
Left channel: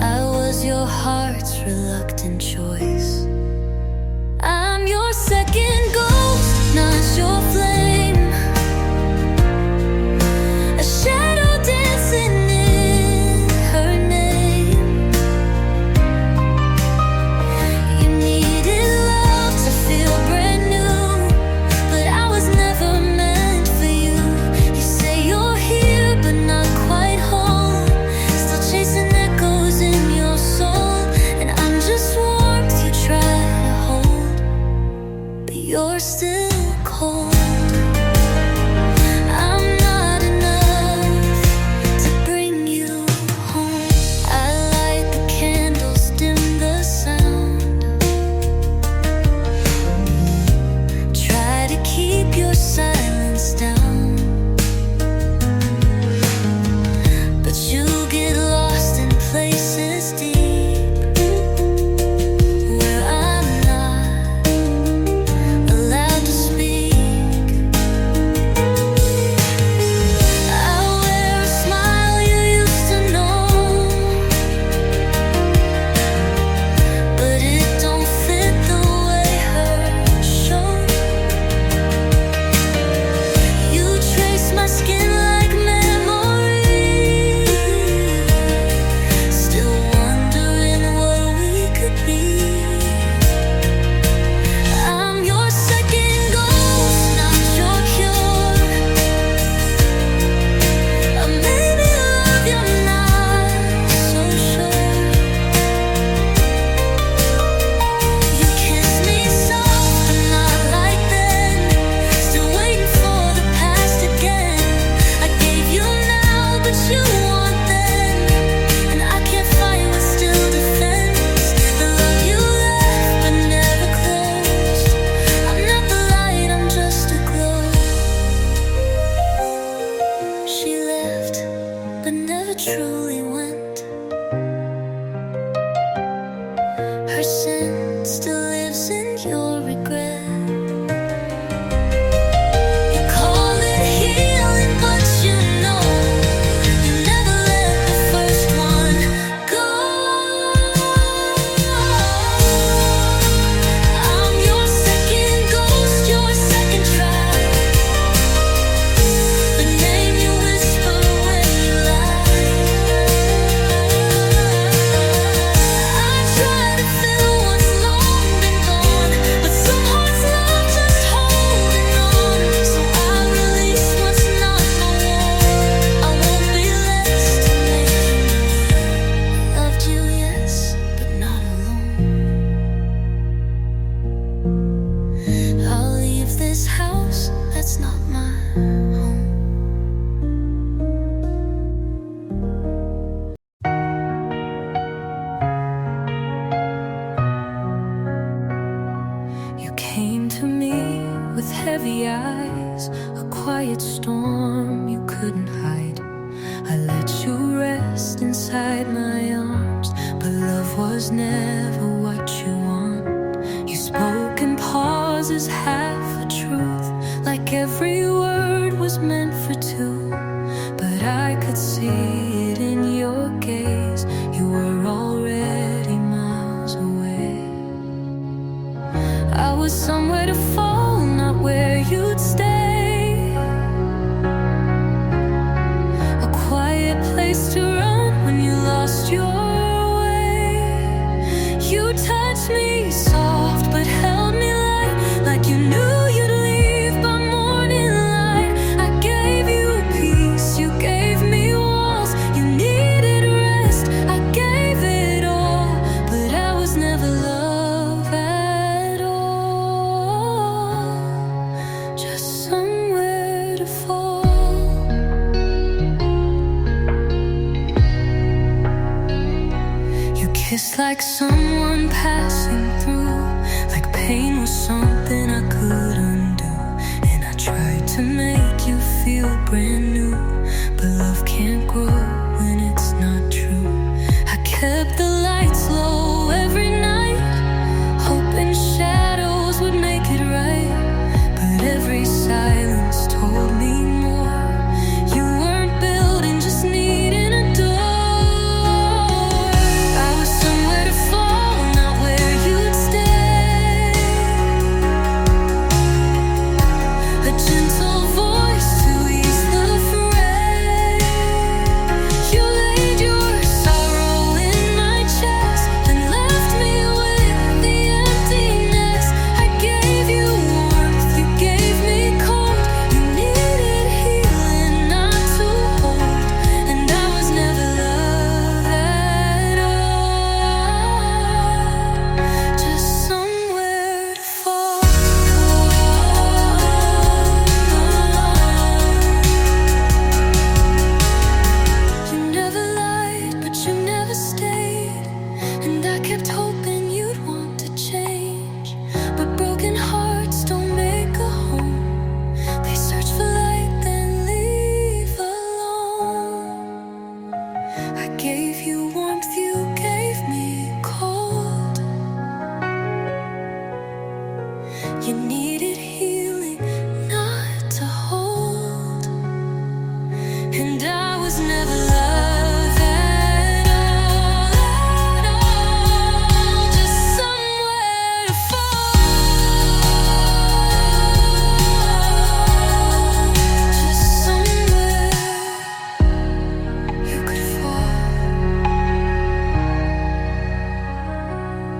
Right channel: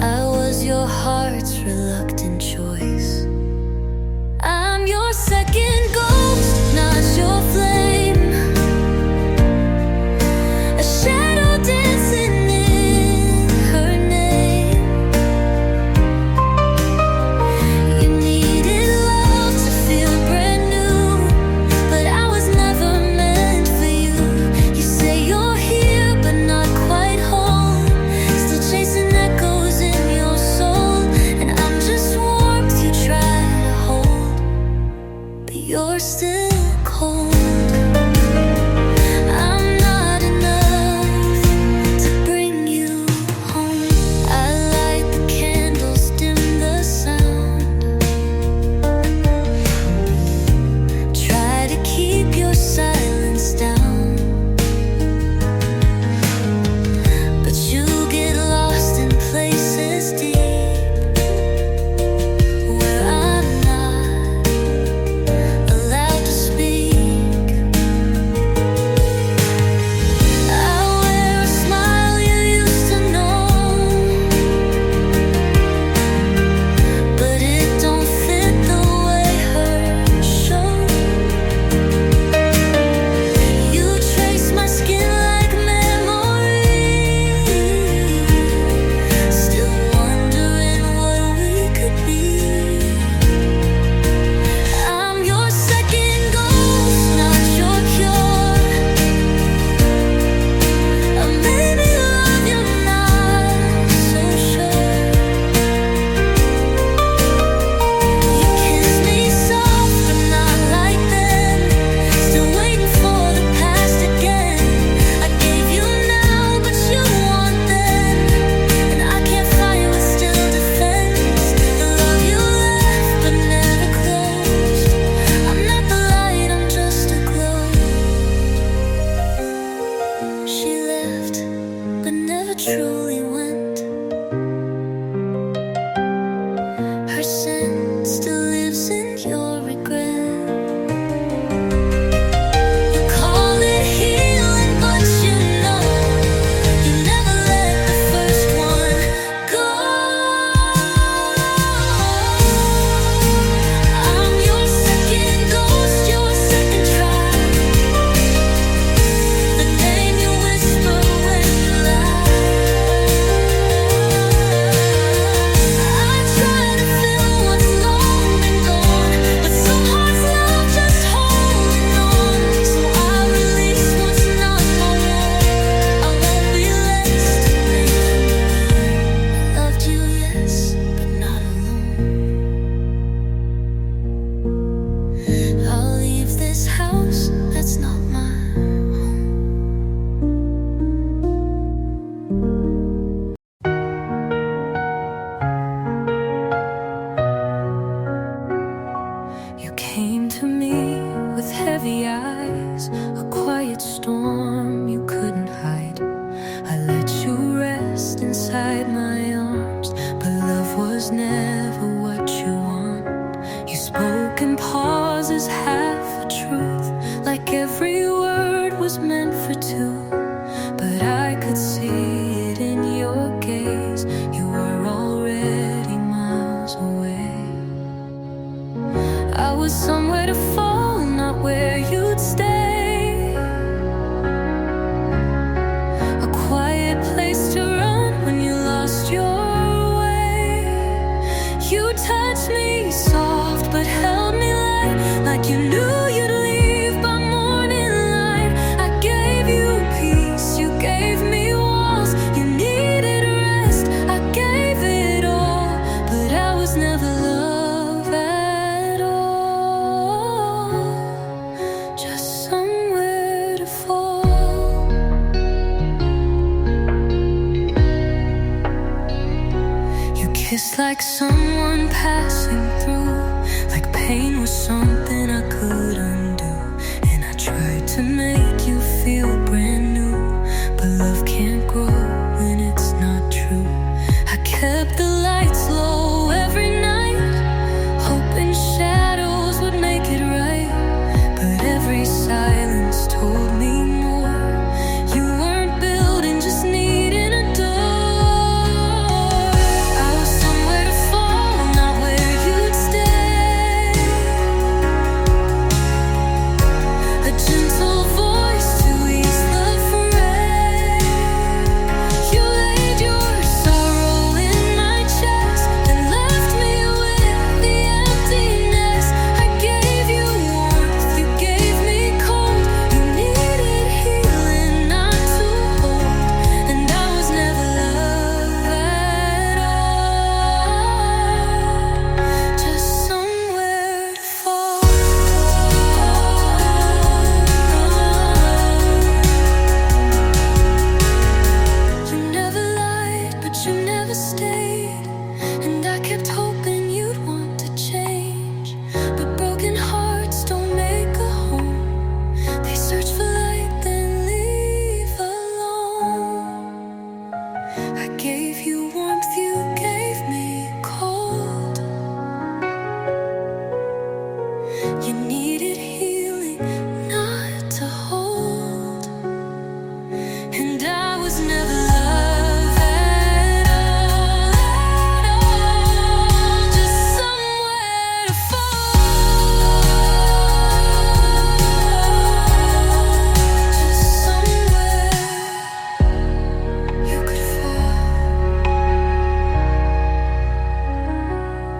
I was your heart's reluctant choice. I'm your second ghost, not your flame, a shadow dancing in her name. You needed love to feel brand new, but I was never meant for you. You say you're here, but not quite home, still chasing echoes in your soul. And I'm just warmth you try to hold, but you're still cold. I'm not enough, still lives in your regret. This house, that's not my home. You came to me with heavy eyes, a quiet storm you couldn't hide. I let you rest inside my arms, but love was never what you want. You spoke in pauses, half a truth, like every word was meant for two. But I could see it in your gaze, you were already miles away. I was somewhere to fall, not where you'd stay. A quiet place to run when you lost your way. You touched me soft but held me light, like you knew you'd leave by morning light. I gave you peace, you gave me walls, you needed rest, I gave it all, but I was never love at all, just somewhere to fall. You kissed like someone passing through, like pain was something I could undo. And I tried to make you feel brand new, but love can't grow when it's not true. I kept the lights low every night, hoping shadows would make it right. But every silence told me more. You weren't building, just needing a door. I was somewhere to fall, not where you'd stay. A gentle voice to ease the fray. You laid your sorrow in my chest, then left me with the emptiness. I gave you warmth, you gave me cold. You needed healing, not to hold. And I was never love at all, just somewhere to fall. You never lied, but you never stayed. And I kept hoping you'd want to change. But broken hearts don't make a home. They search for light, then leave alone. I gave you warmth, you gave me cold. You needed healing, not to hold. And I was never love at all, just somewhere to fall, just somewhere you could fall.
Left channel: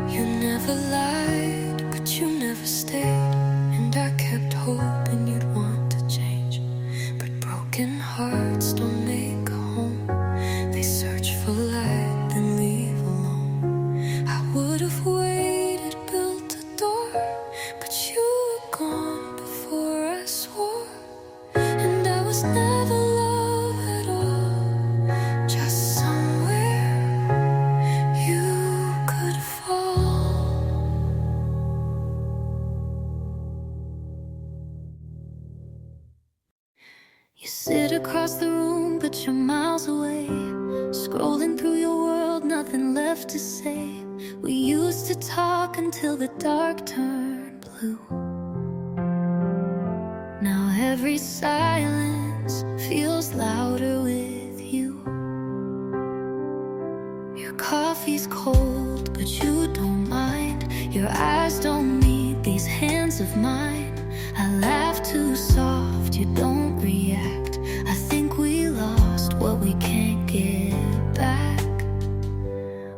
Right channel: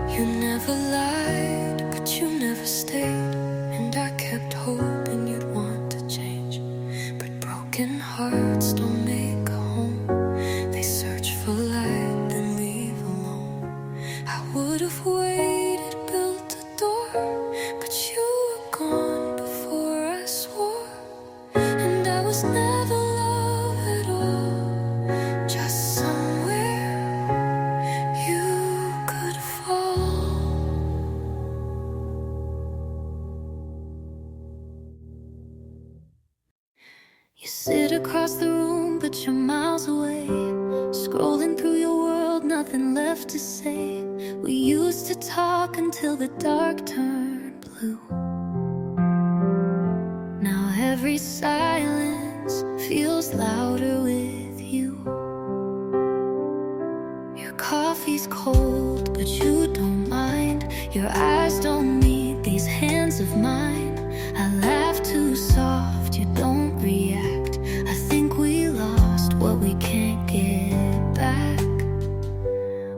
You never lied, but you never stayed. And I kept hoping you'd want to change. But broken hearts don't make a home. They search for light, then leave alone. I would have waited, built a door, but you were gone before I swore. And I was never love at all, just somewhere you could fall. You sit across the room phone, but you're miles away. Scrolling through your world, nothing left to say. We used to talk until the dark turned blue. Now every silence feels louder with you. Your coffee's cold, but you don't mind. Your eyes don't meet these hands of mine. I laugh too soft, you don't react. I think we lost what we can't get back.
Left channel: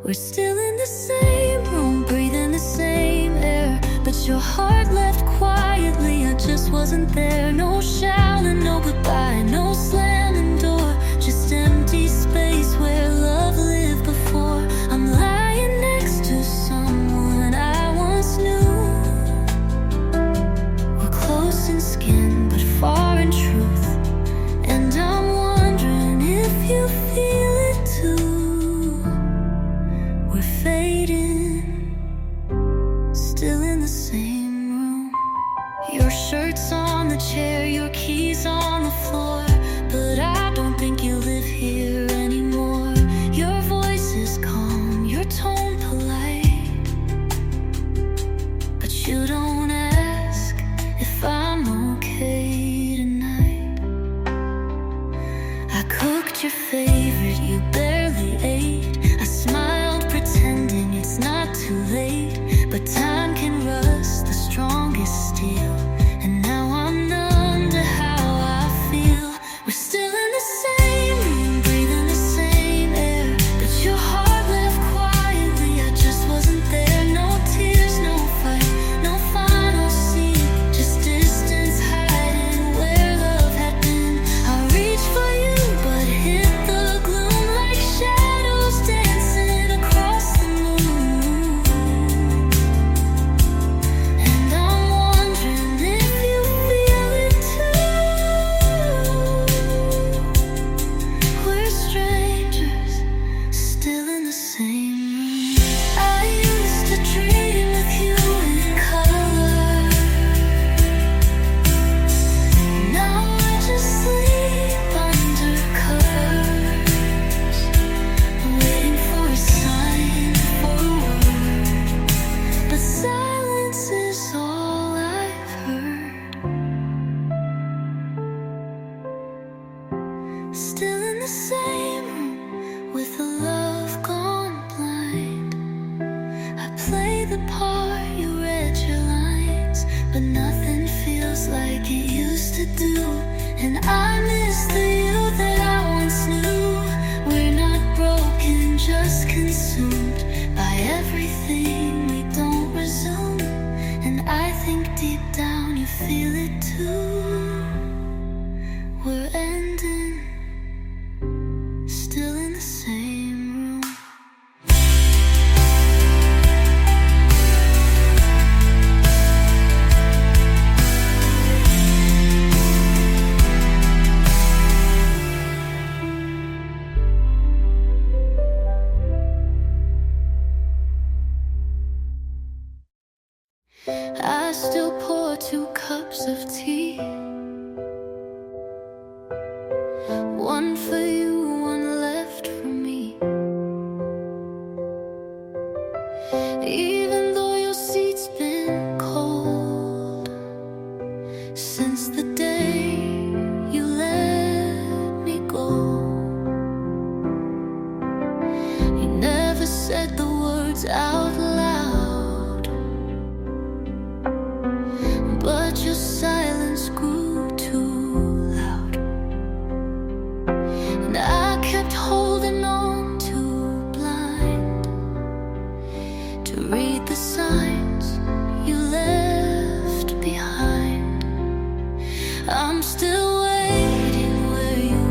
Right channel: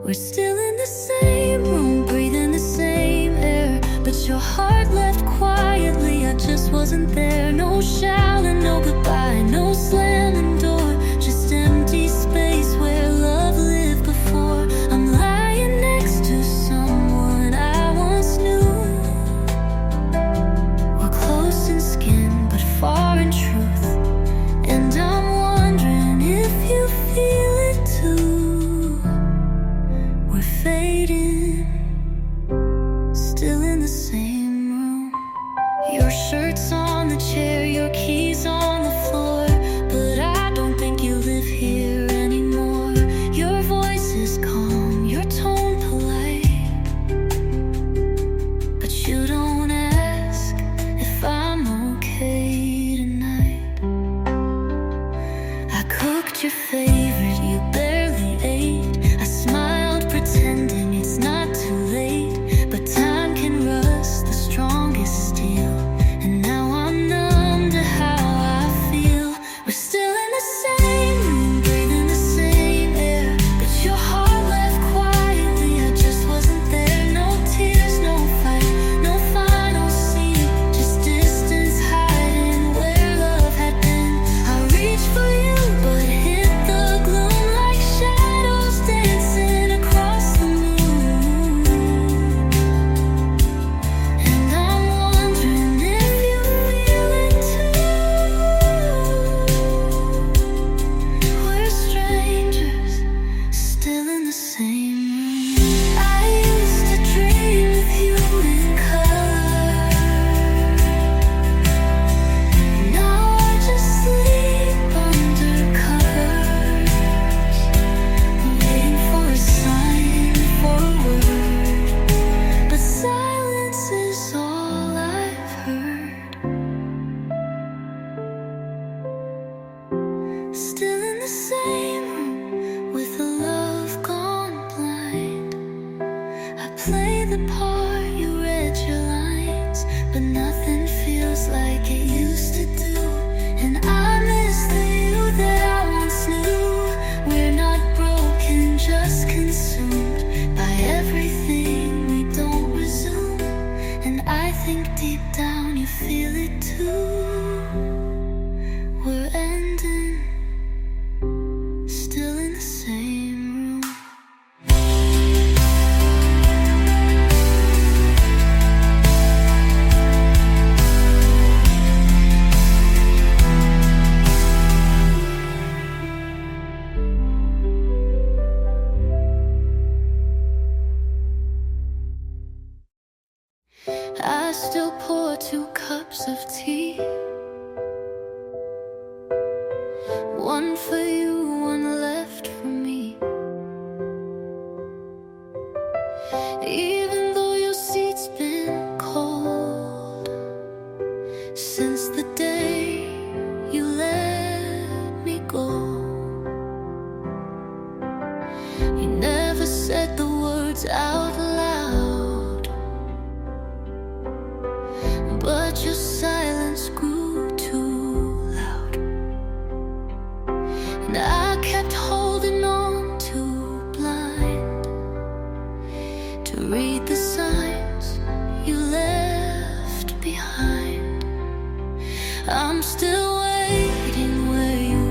We're still in the same room, breathing the same air, but your heart left quietly, I just wasn't there. No shouting, no goodbye, no slamming door, just empty space where love lived before. I'm lying next to someone I once knew. We're close in skin, but far in truth. And I'm wondering if you feel it too. We're fading, still in the same room. Your shirt's on the chair, your keys on the floor, but I don't think you live here anymore. Your voice is calm, your tone polite, but you don't ask if I'm okay tonight. I cooked your favorite, you barely ate. I smiled pretending it's not too late, but time can rust the strongest steel. And now I'm numb to how I feel. We're still in the same room, breathing the same air, but your heart left quietly, I just wasn't there. No tears, no fight, no final scene, just distance hiding where love had been. I reached for you, but hit the gloom like shadows dancing across the moon. And I'm wondering if you feel it too. We're strangers, still in the same room. I used to dream with you in color. Now I just sleep under covers, waiting for a sign, for a word, but silence is all I've heard. Still in the same room, with a love gone blind. I play the part, you read your lines, but nothing feels like it used to do. And I miss the you that I once knew. We're not broken, just consumed by everything we don't resume. And I think deep down you feel it too. We're ending, still in the same room. I still pour 2 cups of tea, one for you, one left for me. Even though your seat's been cold since the day you let me go. You never said the words out loud, but your silence grew too loud. And I kept holding on too blind to read the signs you left behind. I'm still waiting where you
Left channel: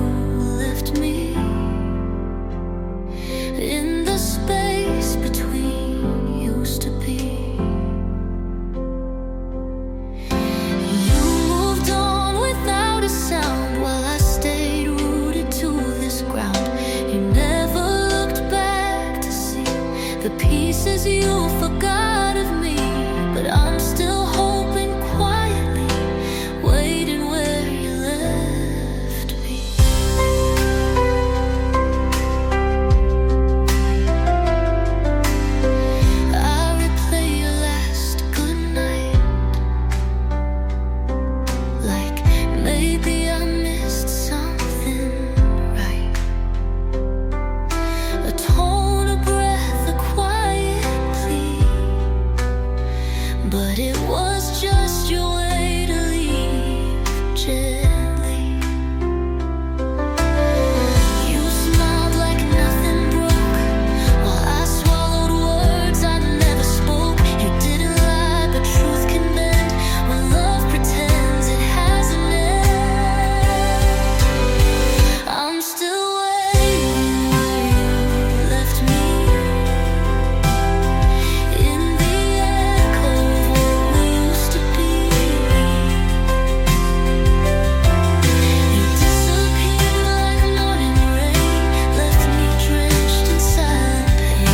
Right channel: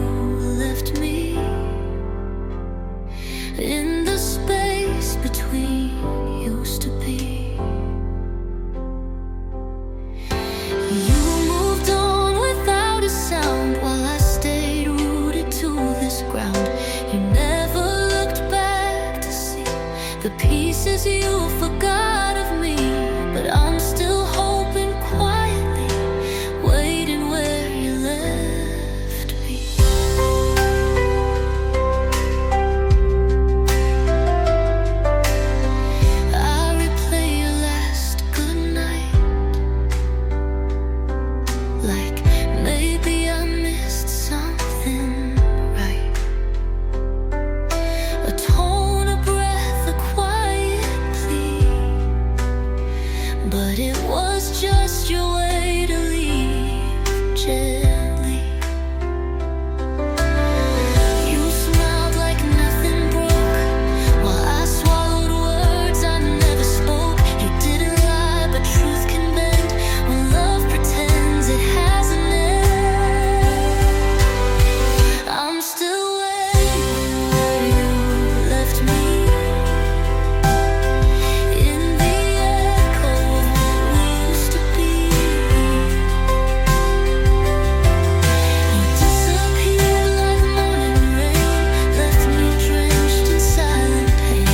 left me, in the space between used to be. You moved on without a sound while I stayed rooted to this ground. You never looked back to see the pieces you forgot of me, but I'm still hoping quietly, waiting where you left me. but it was just your way to leave gently. You smiled like nothing broke, while I swallowed words I never spoke. You didn't lie, but truth can bend when love pretends it has an end. I'm still waiting where you left me, in the echo of what we used to be. You disappeared like morning rain, left me drenched in silent pain.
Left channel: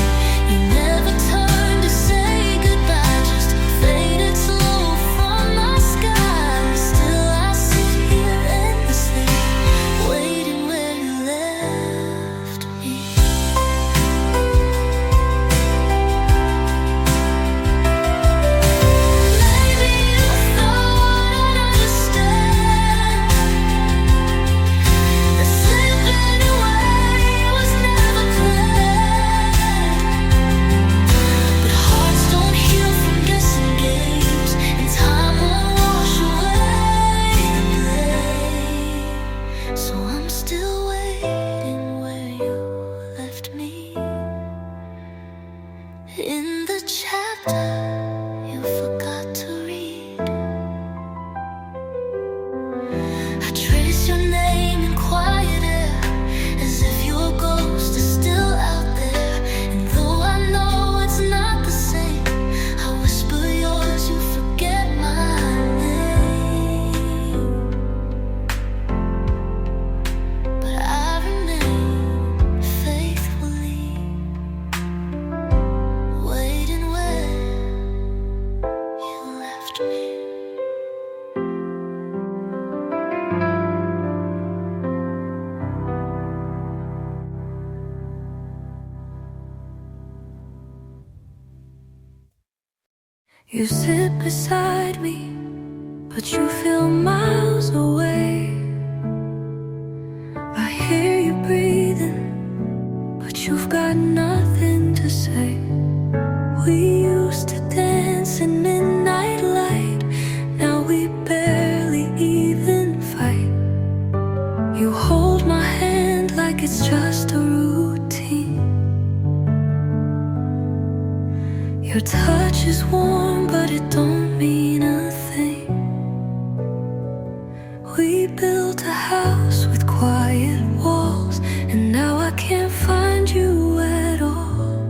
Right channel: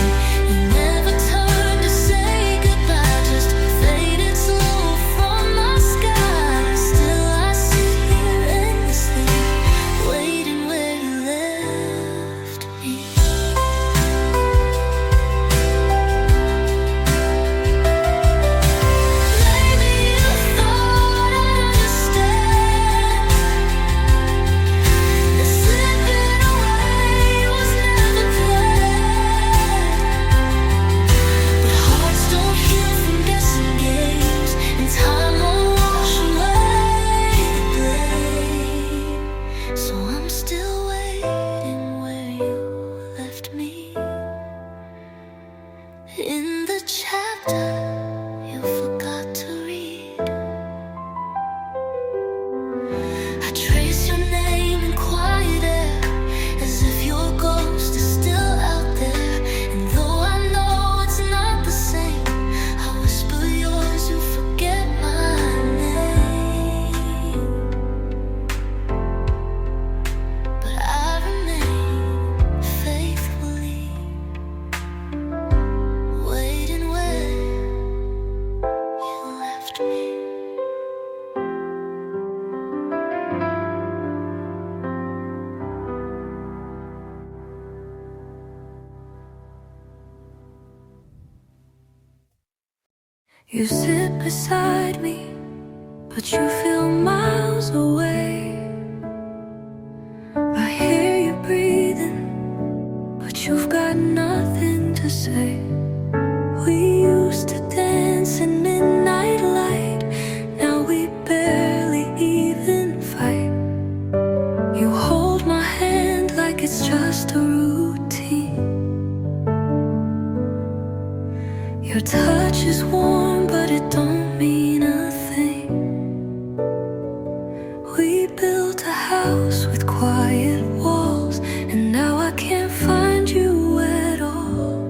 You never turned to say goodbye, just faded slow from my sky. Still I sit here endlessly, waiting where you left me. Maybe you thought I'd understand that slipping away was never planned. But hearts don't heal from guessing games, and time won't wash away the blame. So I'm still waiting where you left me, in the chapter you forgot to read. I trace your name in quiet air, as if your ghost is still out there. And though I know it's not the same, I whisper yours, you forget my name. But I remain faithfully waiting where you left me. You sit beside me, but you feel miles away. I hear you breathing, but you've got nothing to say. We used to dance in midnight light, now we barely even fight. You hold my hand like it's just a routine. Your touch is warm, but it don't mean a thing. We built a house with quiet walls, and now I can't find you at all.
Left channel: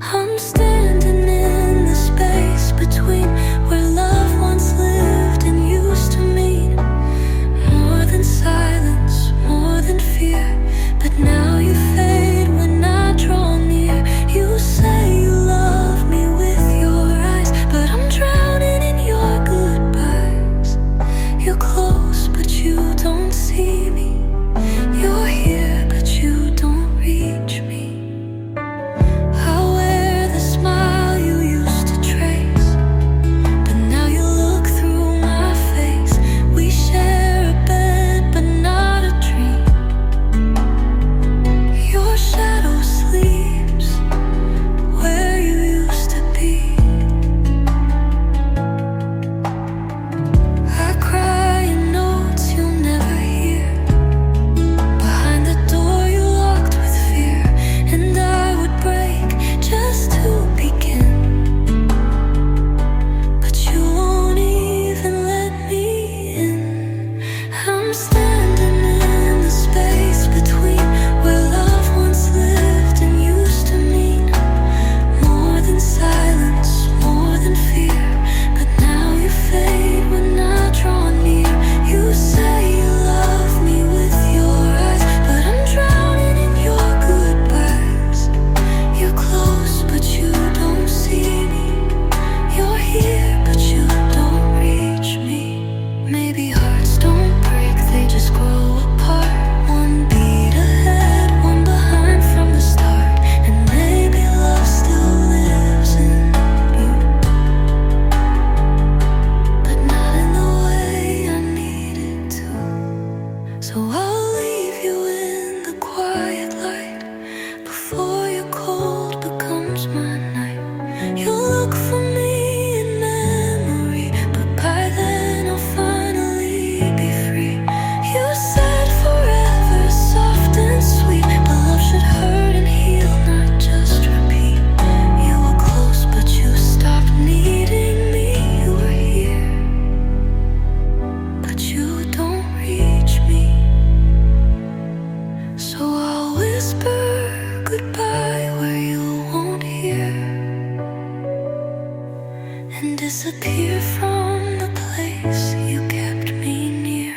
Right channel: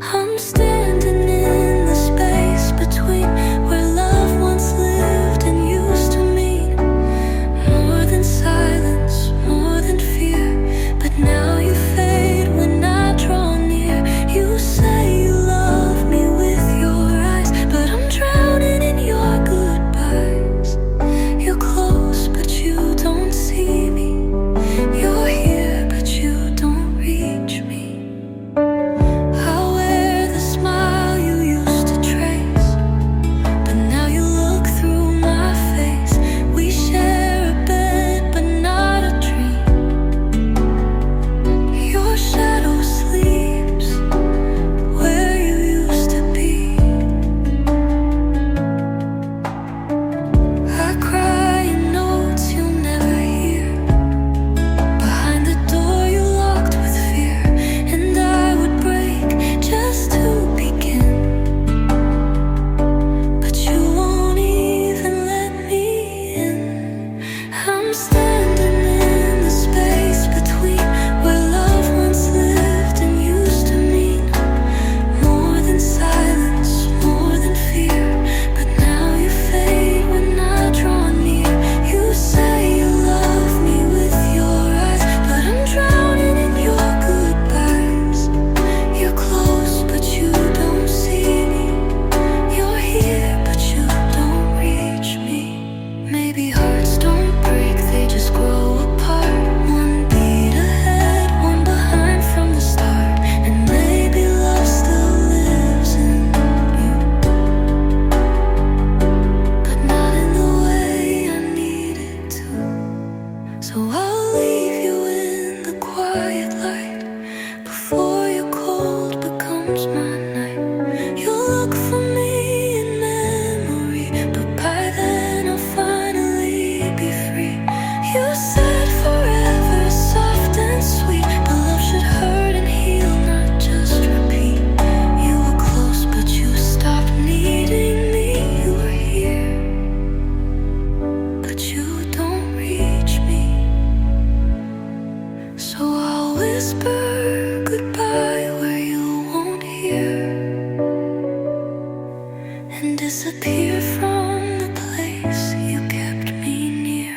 I'm standing in the space between where love once lived and used to mean more than silence, more than fear. But now you fade when I draw near. You say you love me with your eyes, but I'm drowning in your goodbyes. You're close, but you don't see me. You're here, but you don't reach me. I wear the smile you used to trace, but now you look through my face. We share a bed, but not a dream. Your shadow sleeps where you used to be. I cry in notes you'll never hear, behind the door you locked with fear. And I would break just to begin, but you won't even let me in. I'm standing in the space between where love once lived and used to mean more than silence, more than fear. But now you fade when I draw near. You say you love me with your eyes, but I'm drowning in your goodbyes. You're close, but you don't see me. You're here, but you don't reach me. Maybe hearts don't break, they just grow apart. One beat ahead, one behind from the start. And maybe love still lives in you, but not in the way I need it to. So I'll leave you in the quiet light before your cold becomes my night. You look for me and hurt and heal, not just repeat. You were close, but you stopped needing me. You were here, but you don't reach me. So I'll whisper goodbye where you won't hear, and disappear from the place you kept me near.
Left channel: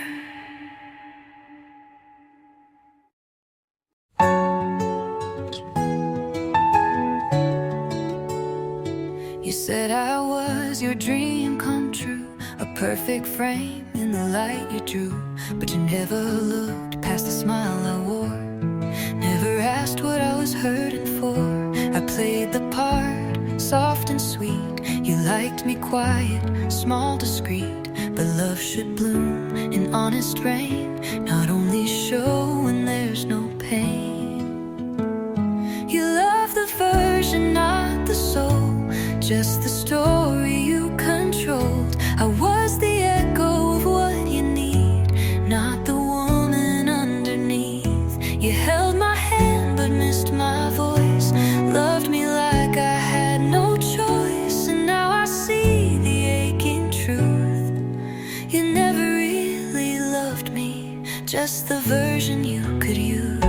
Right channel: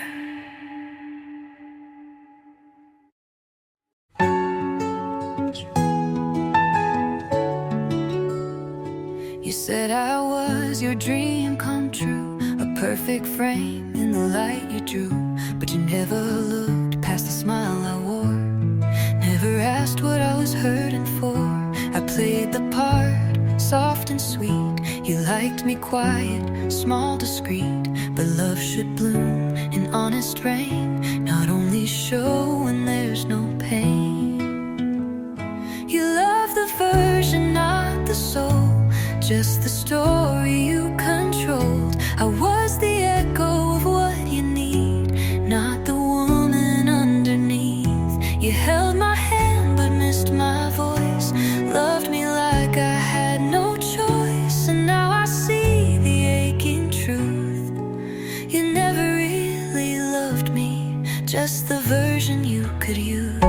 You said I was your dream come true, a perfect frame in the light you drew. But you never looked past the smile I wore, never asked what I was hurting for. I played the part, soft and sweet. You liked me quiet, small, discreet. But love should bloom in honest rain, not only show when there's no pain. You love the version, not the soul, just the story you controlled. I was the echo of what you need, not the woman underneath. You held my hand but missed my voice, loved me like I had no choice. And now I see the aching truth. You never really loved me, just the version you could use.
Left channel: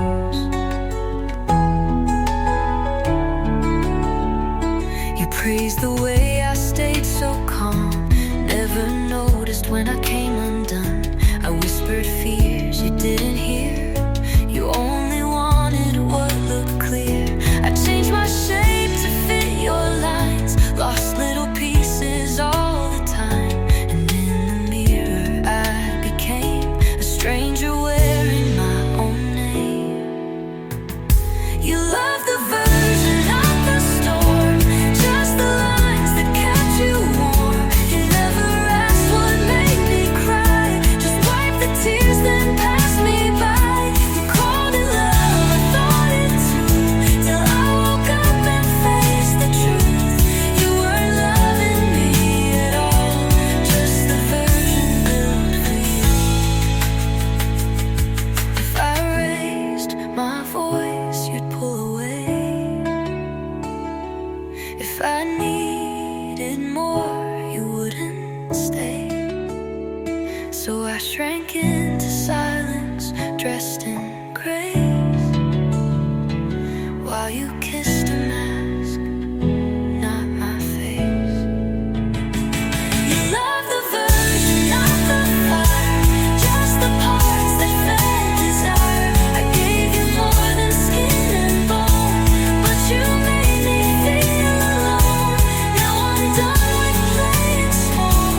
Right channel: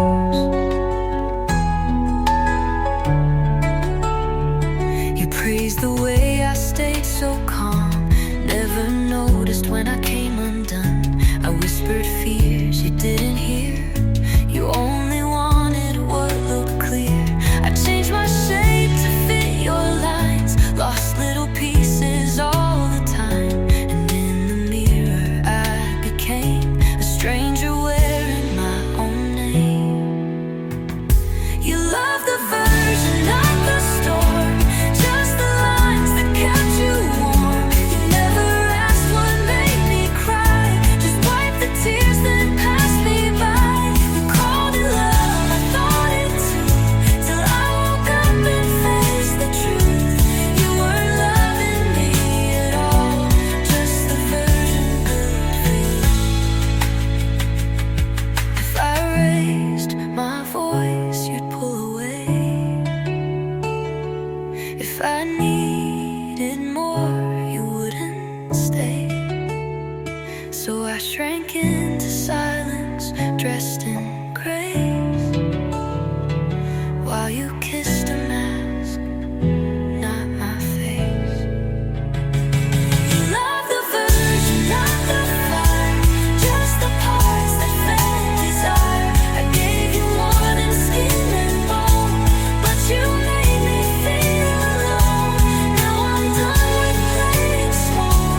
You praised the way I stayed so calm, never noticed when I came undone. I whispered fears you didn't hear, you only wanted what looked clear. I changed my shape to fit your lines, lost little pieces all the time. And in the mirror I became a stranger wearing my own name. You love the version, not the storm, just the lines that kept you warm. You never asked what made me cry, just wiped the tears then passed me by. You called it love, I thought it too, till I woke up and faced the truth. You weren't loving me at all, just the version built for you. If I raised my voice, you'd pull away. If I needed more, you wouldn't stay. So I shrank into silence, dressed in grace, while you kissed a mask, not my face. You love the version, not the fire, just the parts that fed desire. I gave you more than skin and bone, but you made me feel alone. Now I'm done with playing small,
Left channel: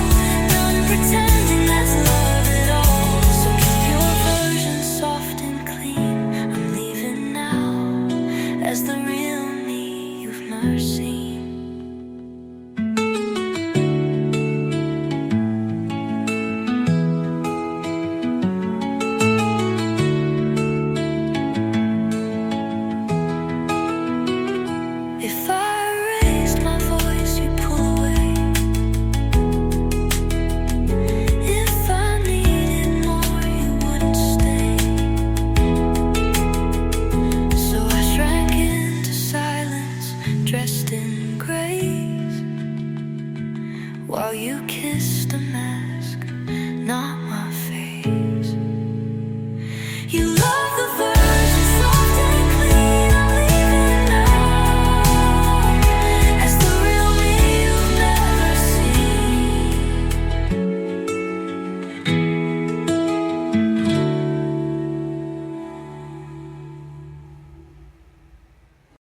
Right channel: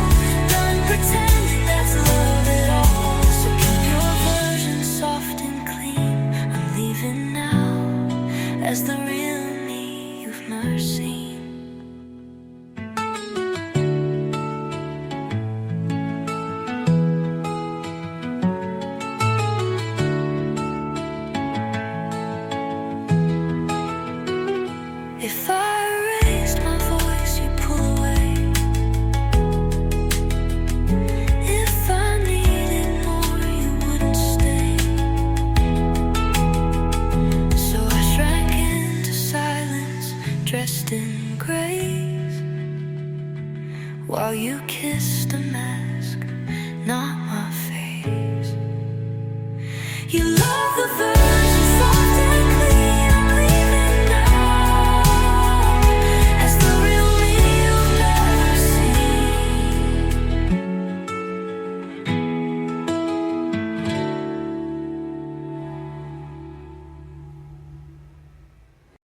done pretending that's love at all. So keep your version soft and clean. I'm leaving now as the real me you've never seen. If I raised my voice, you'd pull away. If I needed more, you wouldn't stay. So I shrank into silence, dressed in grace, while you kissed a mask, not my face. You love the version soft and clean. I'm leaving now as the real me you've never seen.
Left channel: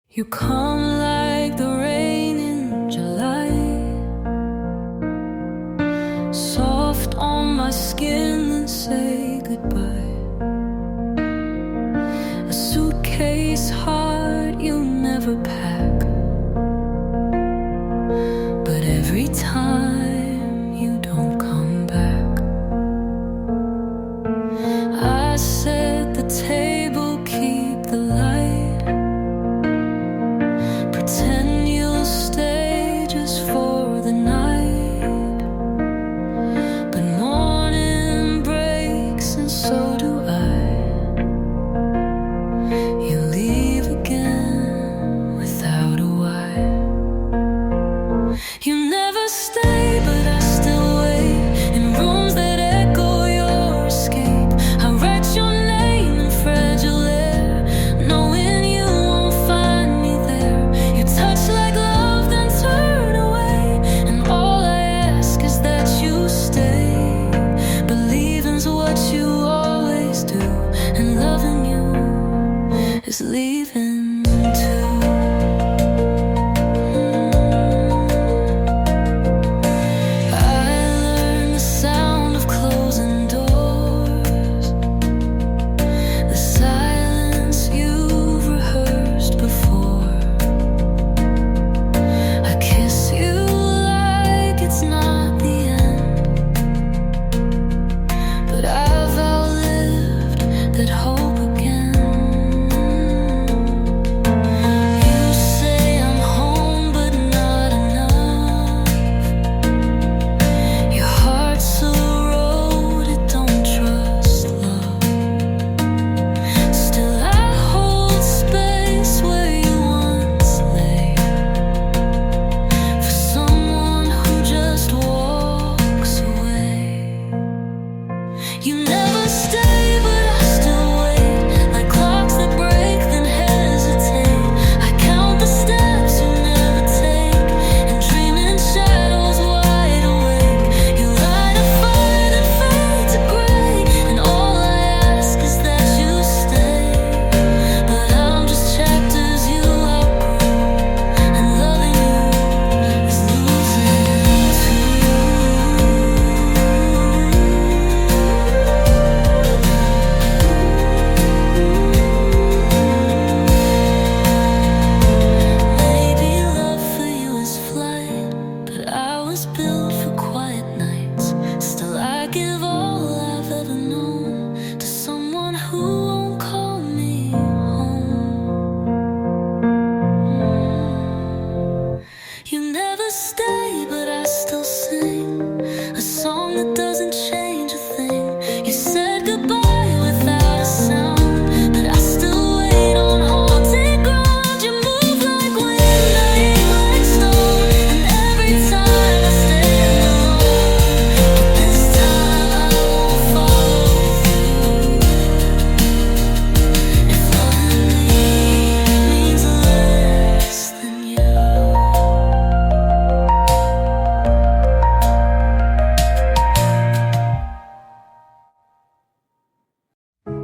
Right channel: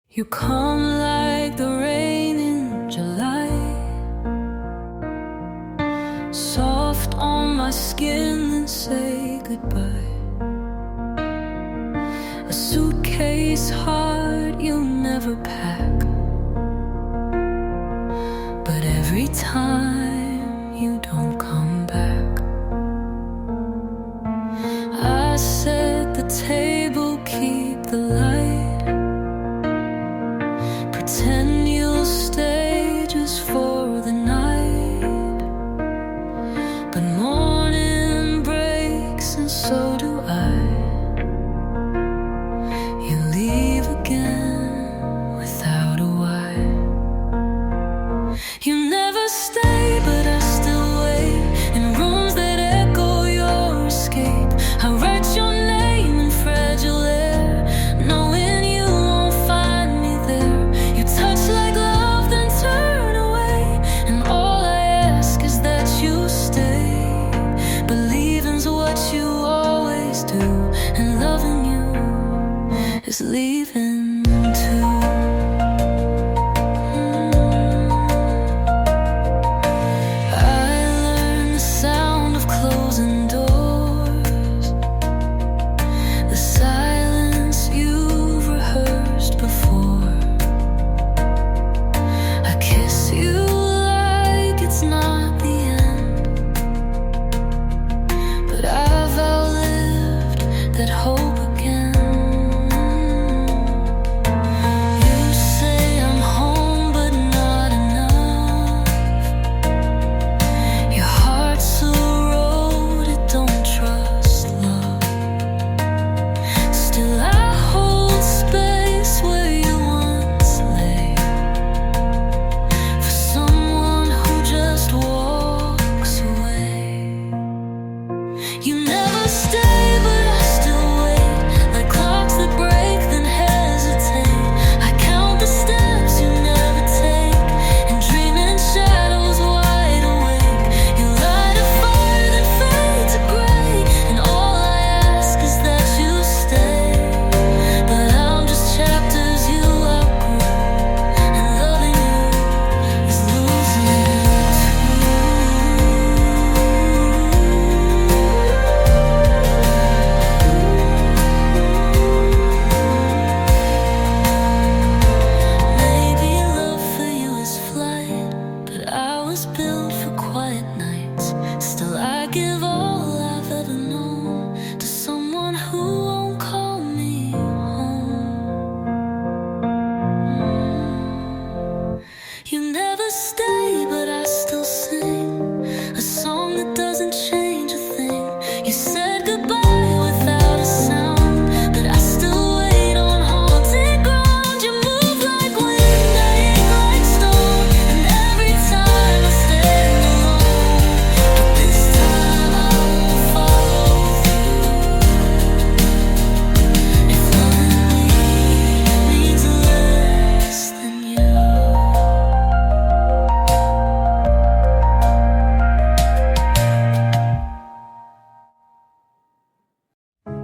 You come like the rain in July, soft on my skin and say goodbye. A suitcase heart you never pack, but every time you don't come back. I set the table, keep the light, pretend you'll stay just for the night. But morning breaks and so do I. You leave never stay, but I still wait in rooms that echo your escape. I write your name in fragile air, knowing you won't find me there. You touch like love, then turn away, and all I ask is that you stay. Believing's what you always do, and loving you is leaving too. Closing doors, the silence you've rehearsed before. I kiss you like it's not the end, but I've outlived that hope again. You say I'm home, but not enough. Your heart's so don't trust love. Still I hold space where you once lay, for someone who just walks away. You never stay, but I still wait, like clocks that break then hesitate. I count the steps you never take, and dream in shadows wide awake. You light a fire that fades to gray, and all I ask is that you stay. But I'm just chapters you outgrew, and loving you is losing too. Maybe love for you is flight, but I was built for quiet nights. Still I give all I've ever known to someone who won't call me home. You never stay, but I still sing a song that doesn't change a thing. You said goodbye without a sound, but I still wait on haunted ground. You move like wind, I ache like stone, and every time I stand alone, but this time I won't follow through. If loving me means less than you.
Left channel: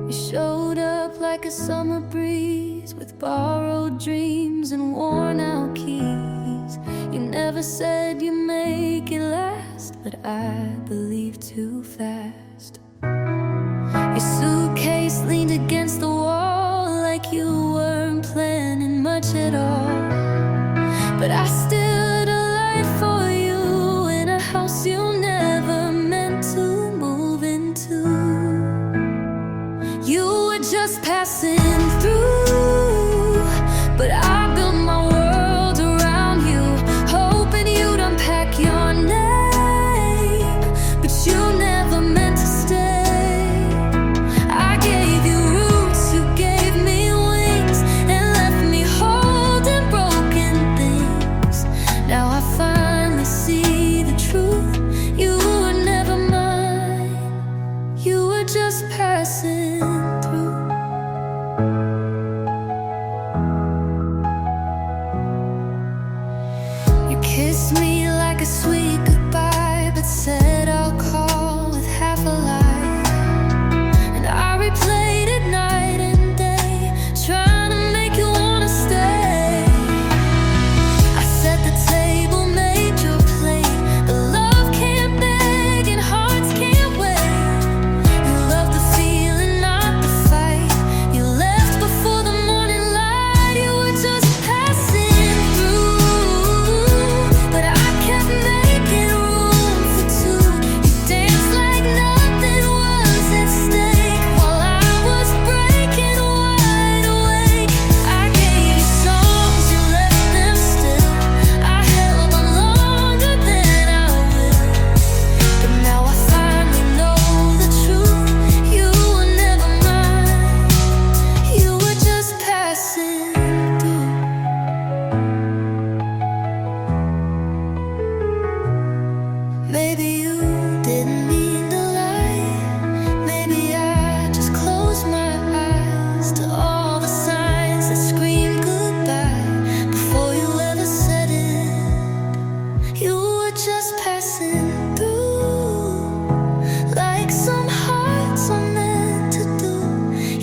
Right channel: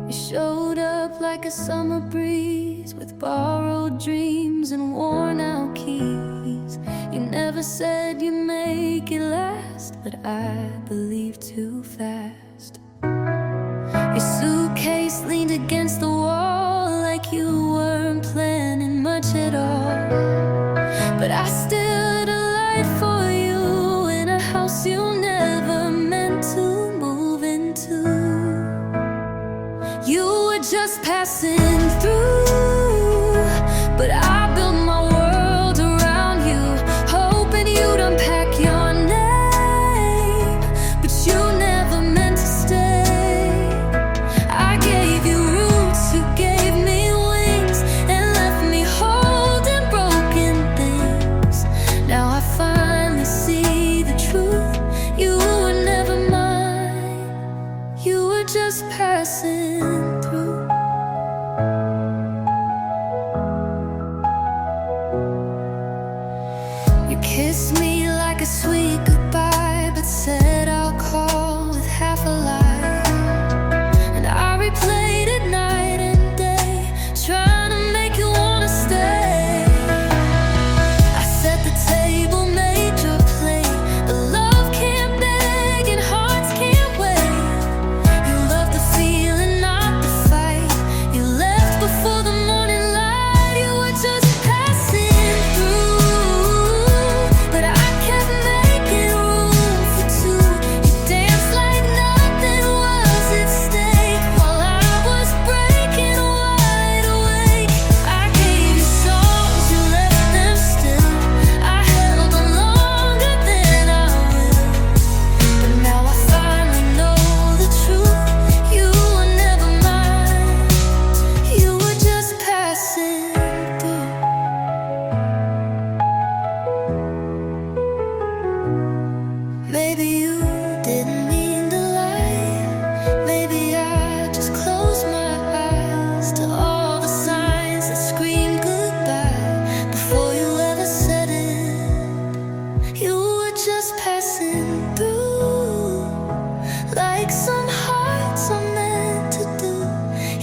You showed up like a summer breeze, with borrowed dreams and worn out keys. You never said you'd make it last, but I believed too fast. Your suitcase leaned against the wall, like you weren't planning much at all. But I stood a light for you in a house you never meant to move into. You were just passing through, but I built my world around you, hoping you'd unpack your name, but you never meant to stay. I gave you roots, you gave me wings, and left me holding broken things. Now I finally see the truth. You were never mine, you were just passing through. You kissed me like a sweet goodbye, but said I'll call with half a lie. And I replayed it night and day, trying to make you wanna stay. I set the table, made your plate, but love can't beg and hearts can't wait. You love the feeling Maybe you didn't mean to lie. Maybe I just closed my eyes to all the signs that screamed goodbye before you ever said it. You were just passing through, like some hearts are meant to do.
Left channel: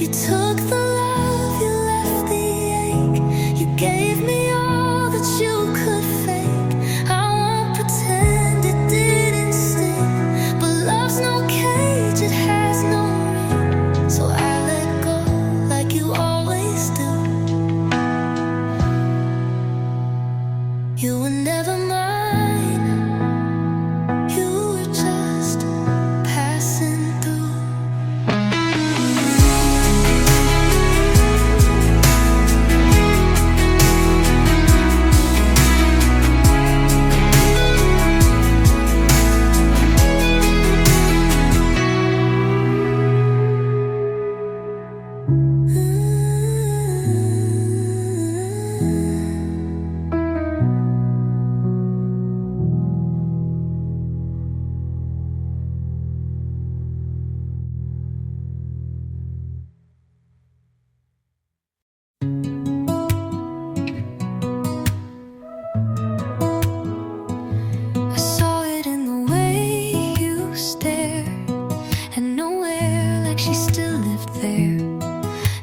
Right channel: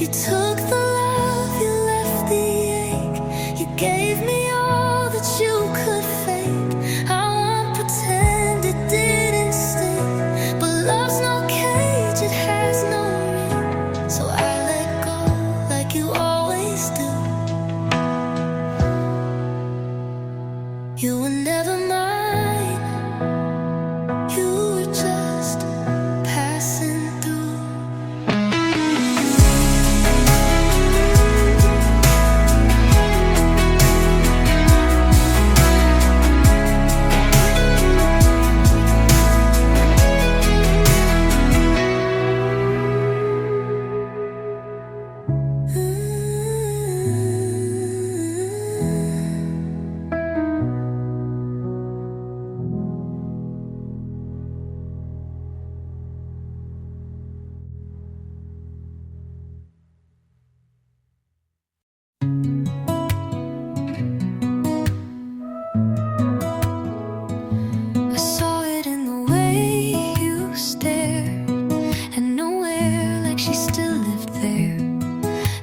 You took the love, you left the ache. You gave me all that you could fake. I won't pretend it didn't sting, but love's no cage, it has no ring. So I let go like you always do. You were never mine, you were just passing through. I saw it in the way you stared, and nowhere like she still lived there.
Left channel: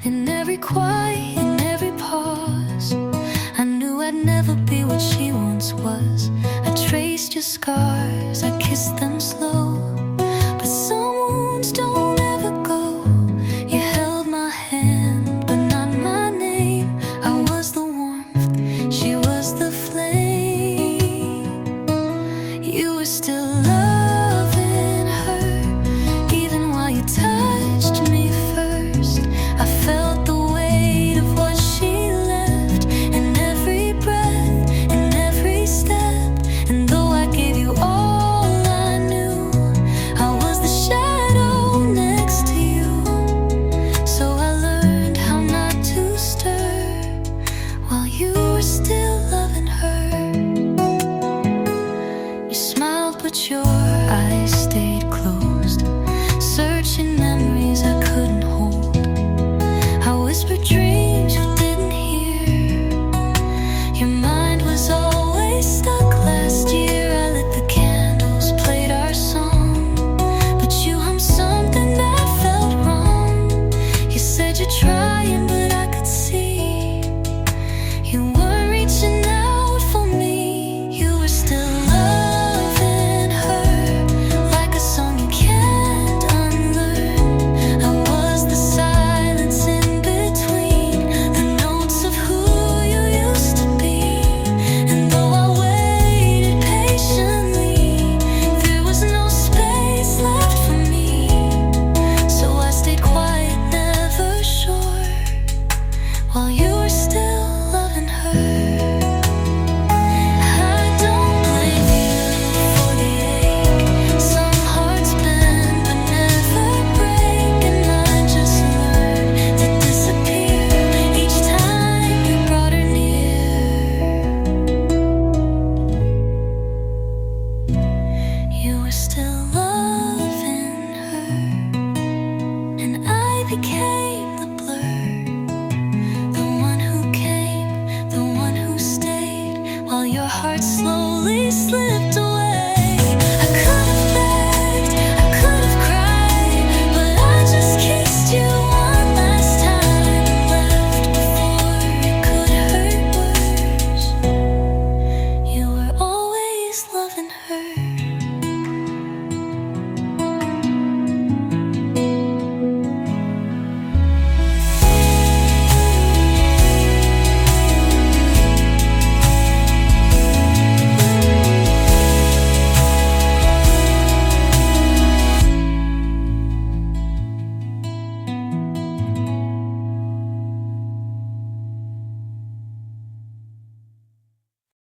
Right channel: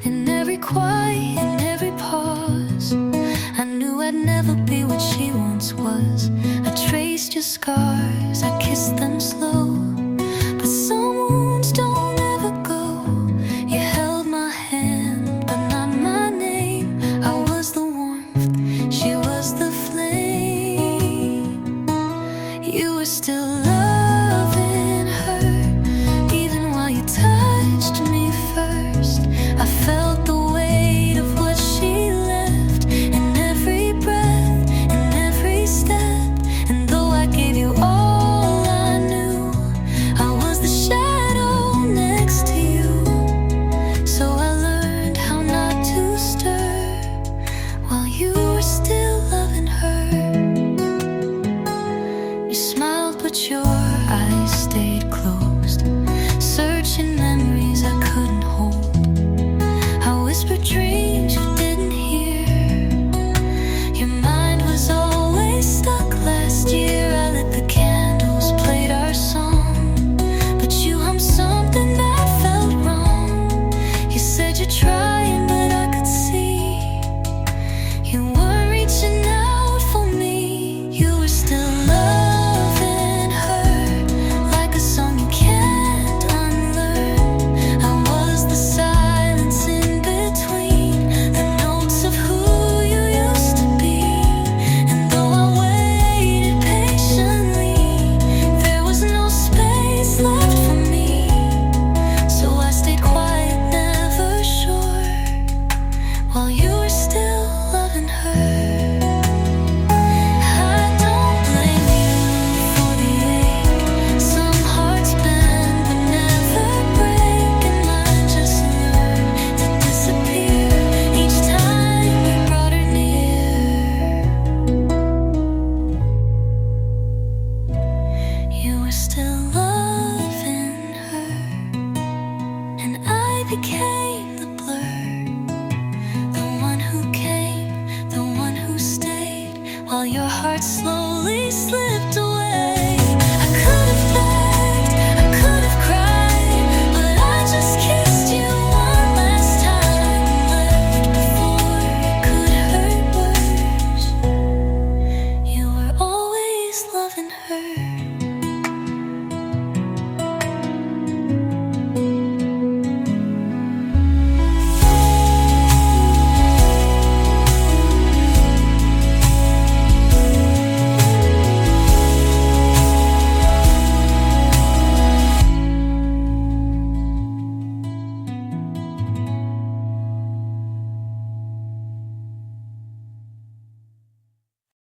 In every quiet, in every pause, I knew I'd never be what she once was. I traced your scars, I kissed them slow, but some wounds don't ever go. You held my hand, but not my name. I was the warmth, she was the flame. You were still loving her, even while you touched me first. I felt the weight of what she left in every breath, in every step. And though I gave you all I knew, I was the shadow next to you. So I learned how not to stir while you were still loving her. You smiled but your eyes stayed closed, searching memories I couldn't hold. I whispered dreams you didn't hear. Your mind was always stuck last year. I lit the candles, played our song, but you hummed something that felt wrong. You said you're trying, but I could see you weren't reaching out for me. You were still loving her, like a song you can't unlearn. I was the silence in between the notes of who you used to be. And though I waited patiently, there was no space left for me. So I stayed quiet, never sure, while you were still loving her. I don't blame you for the ache. Some hearts bend but never break, and mine just learned to disappear each time you brought her near. You were still loving her, and I became the blur, the one who came, the one who stayed, while your heart slowly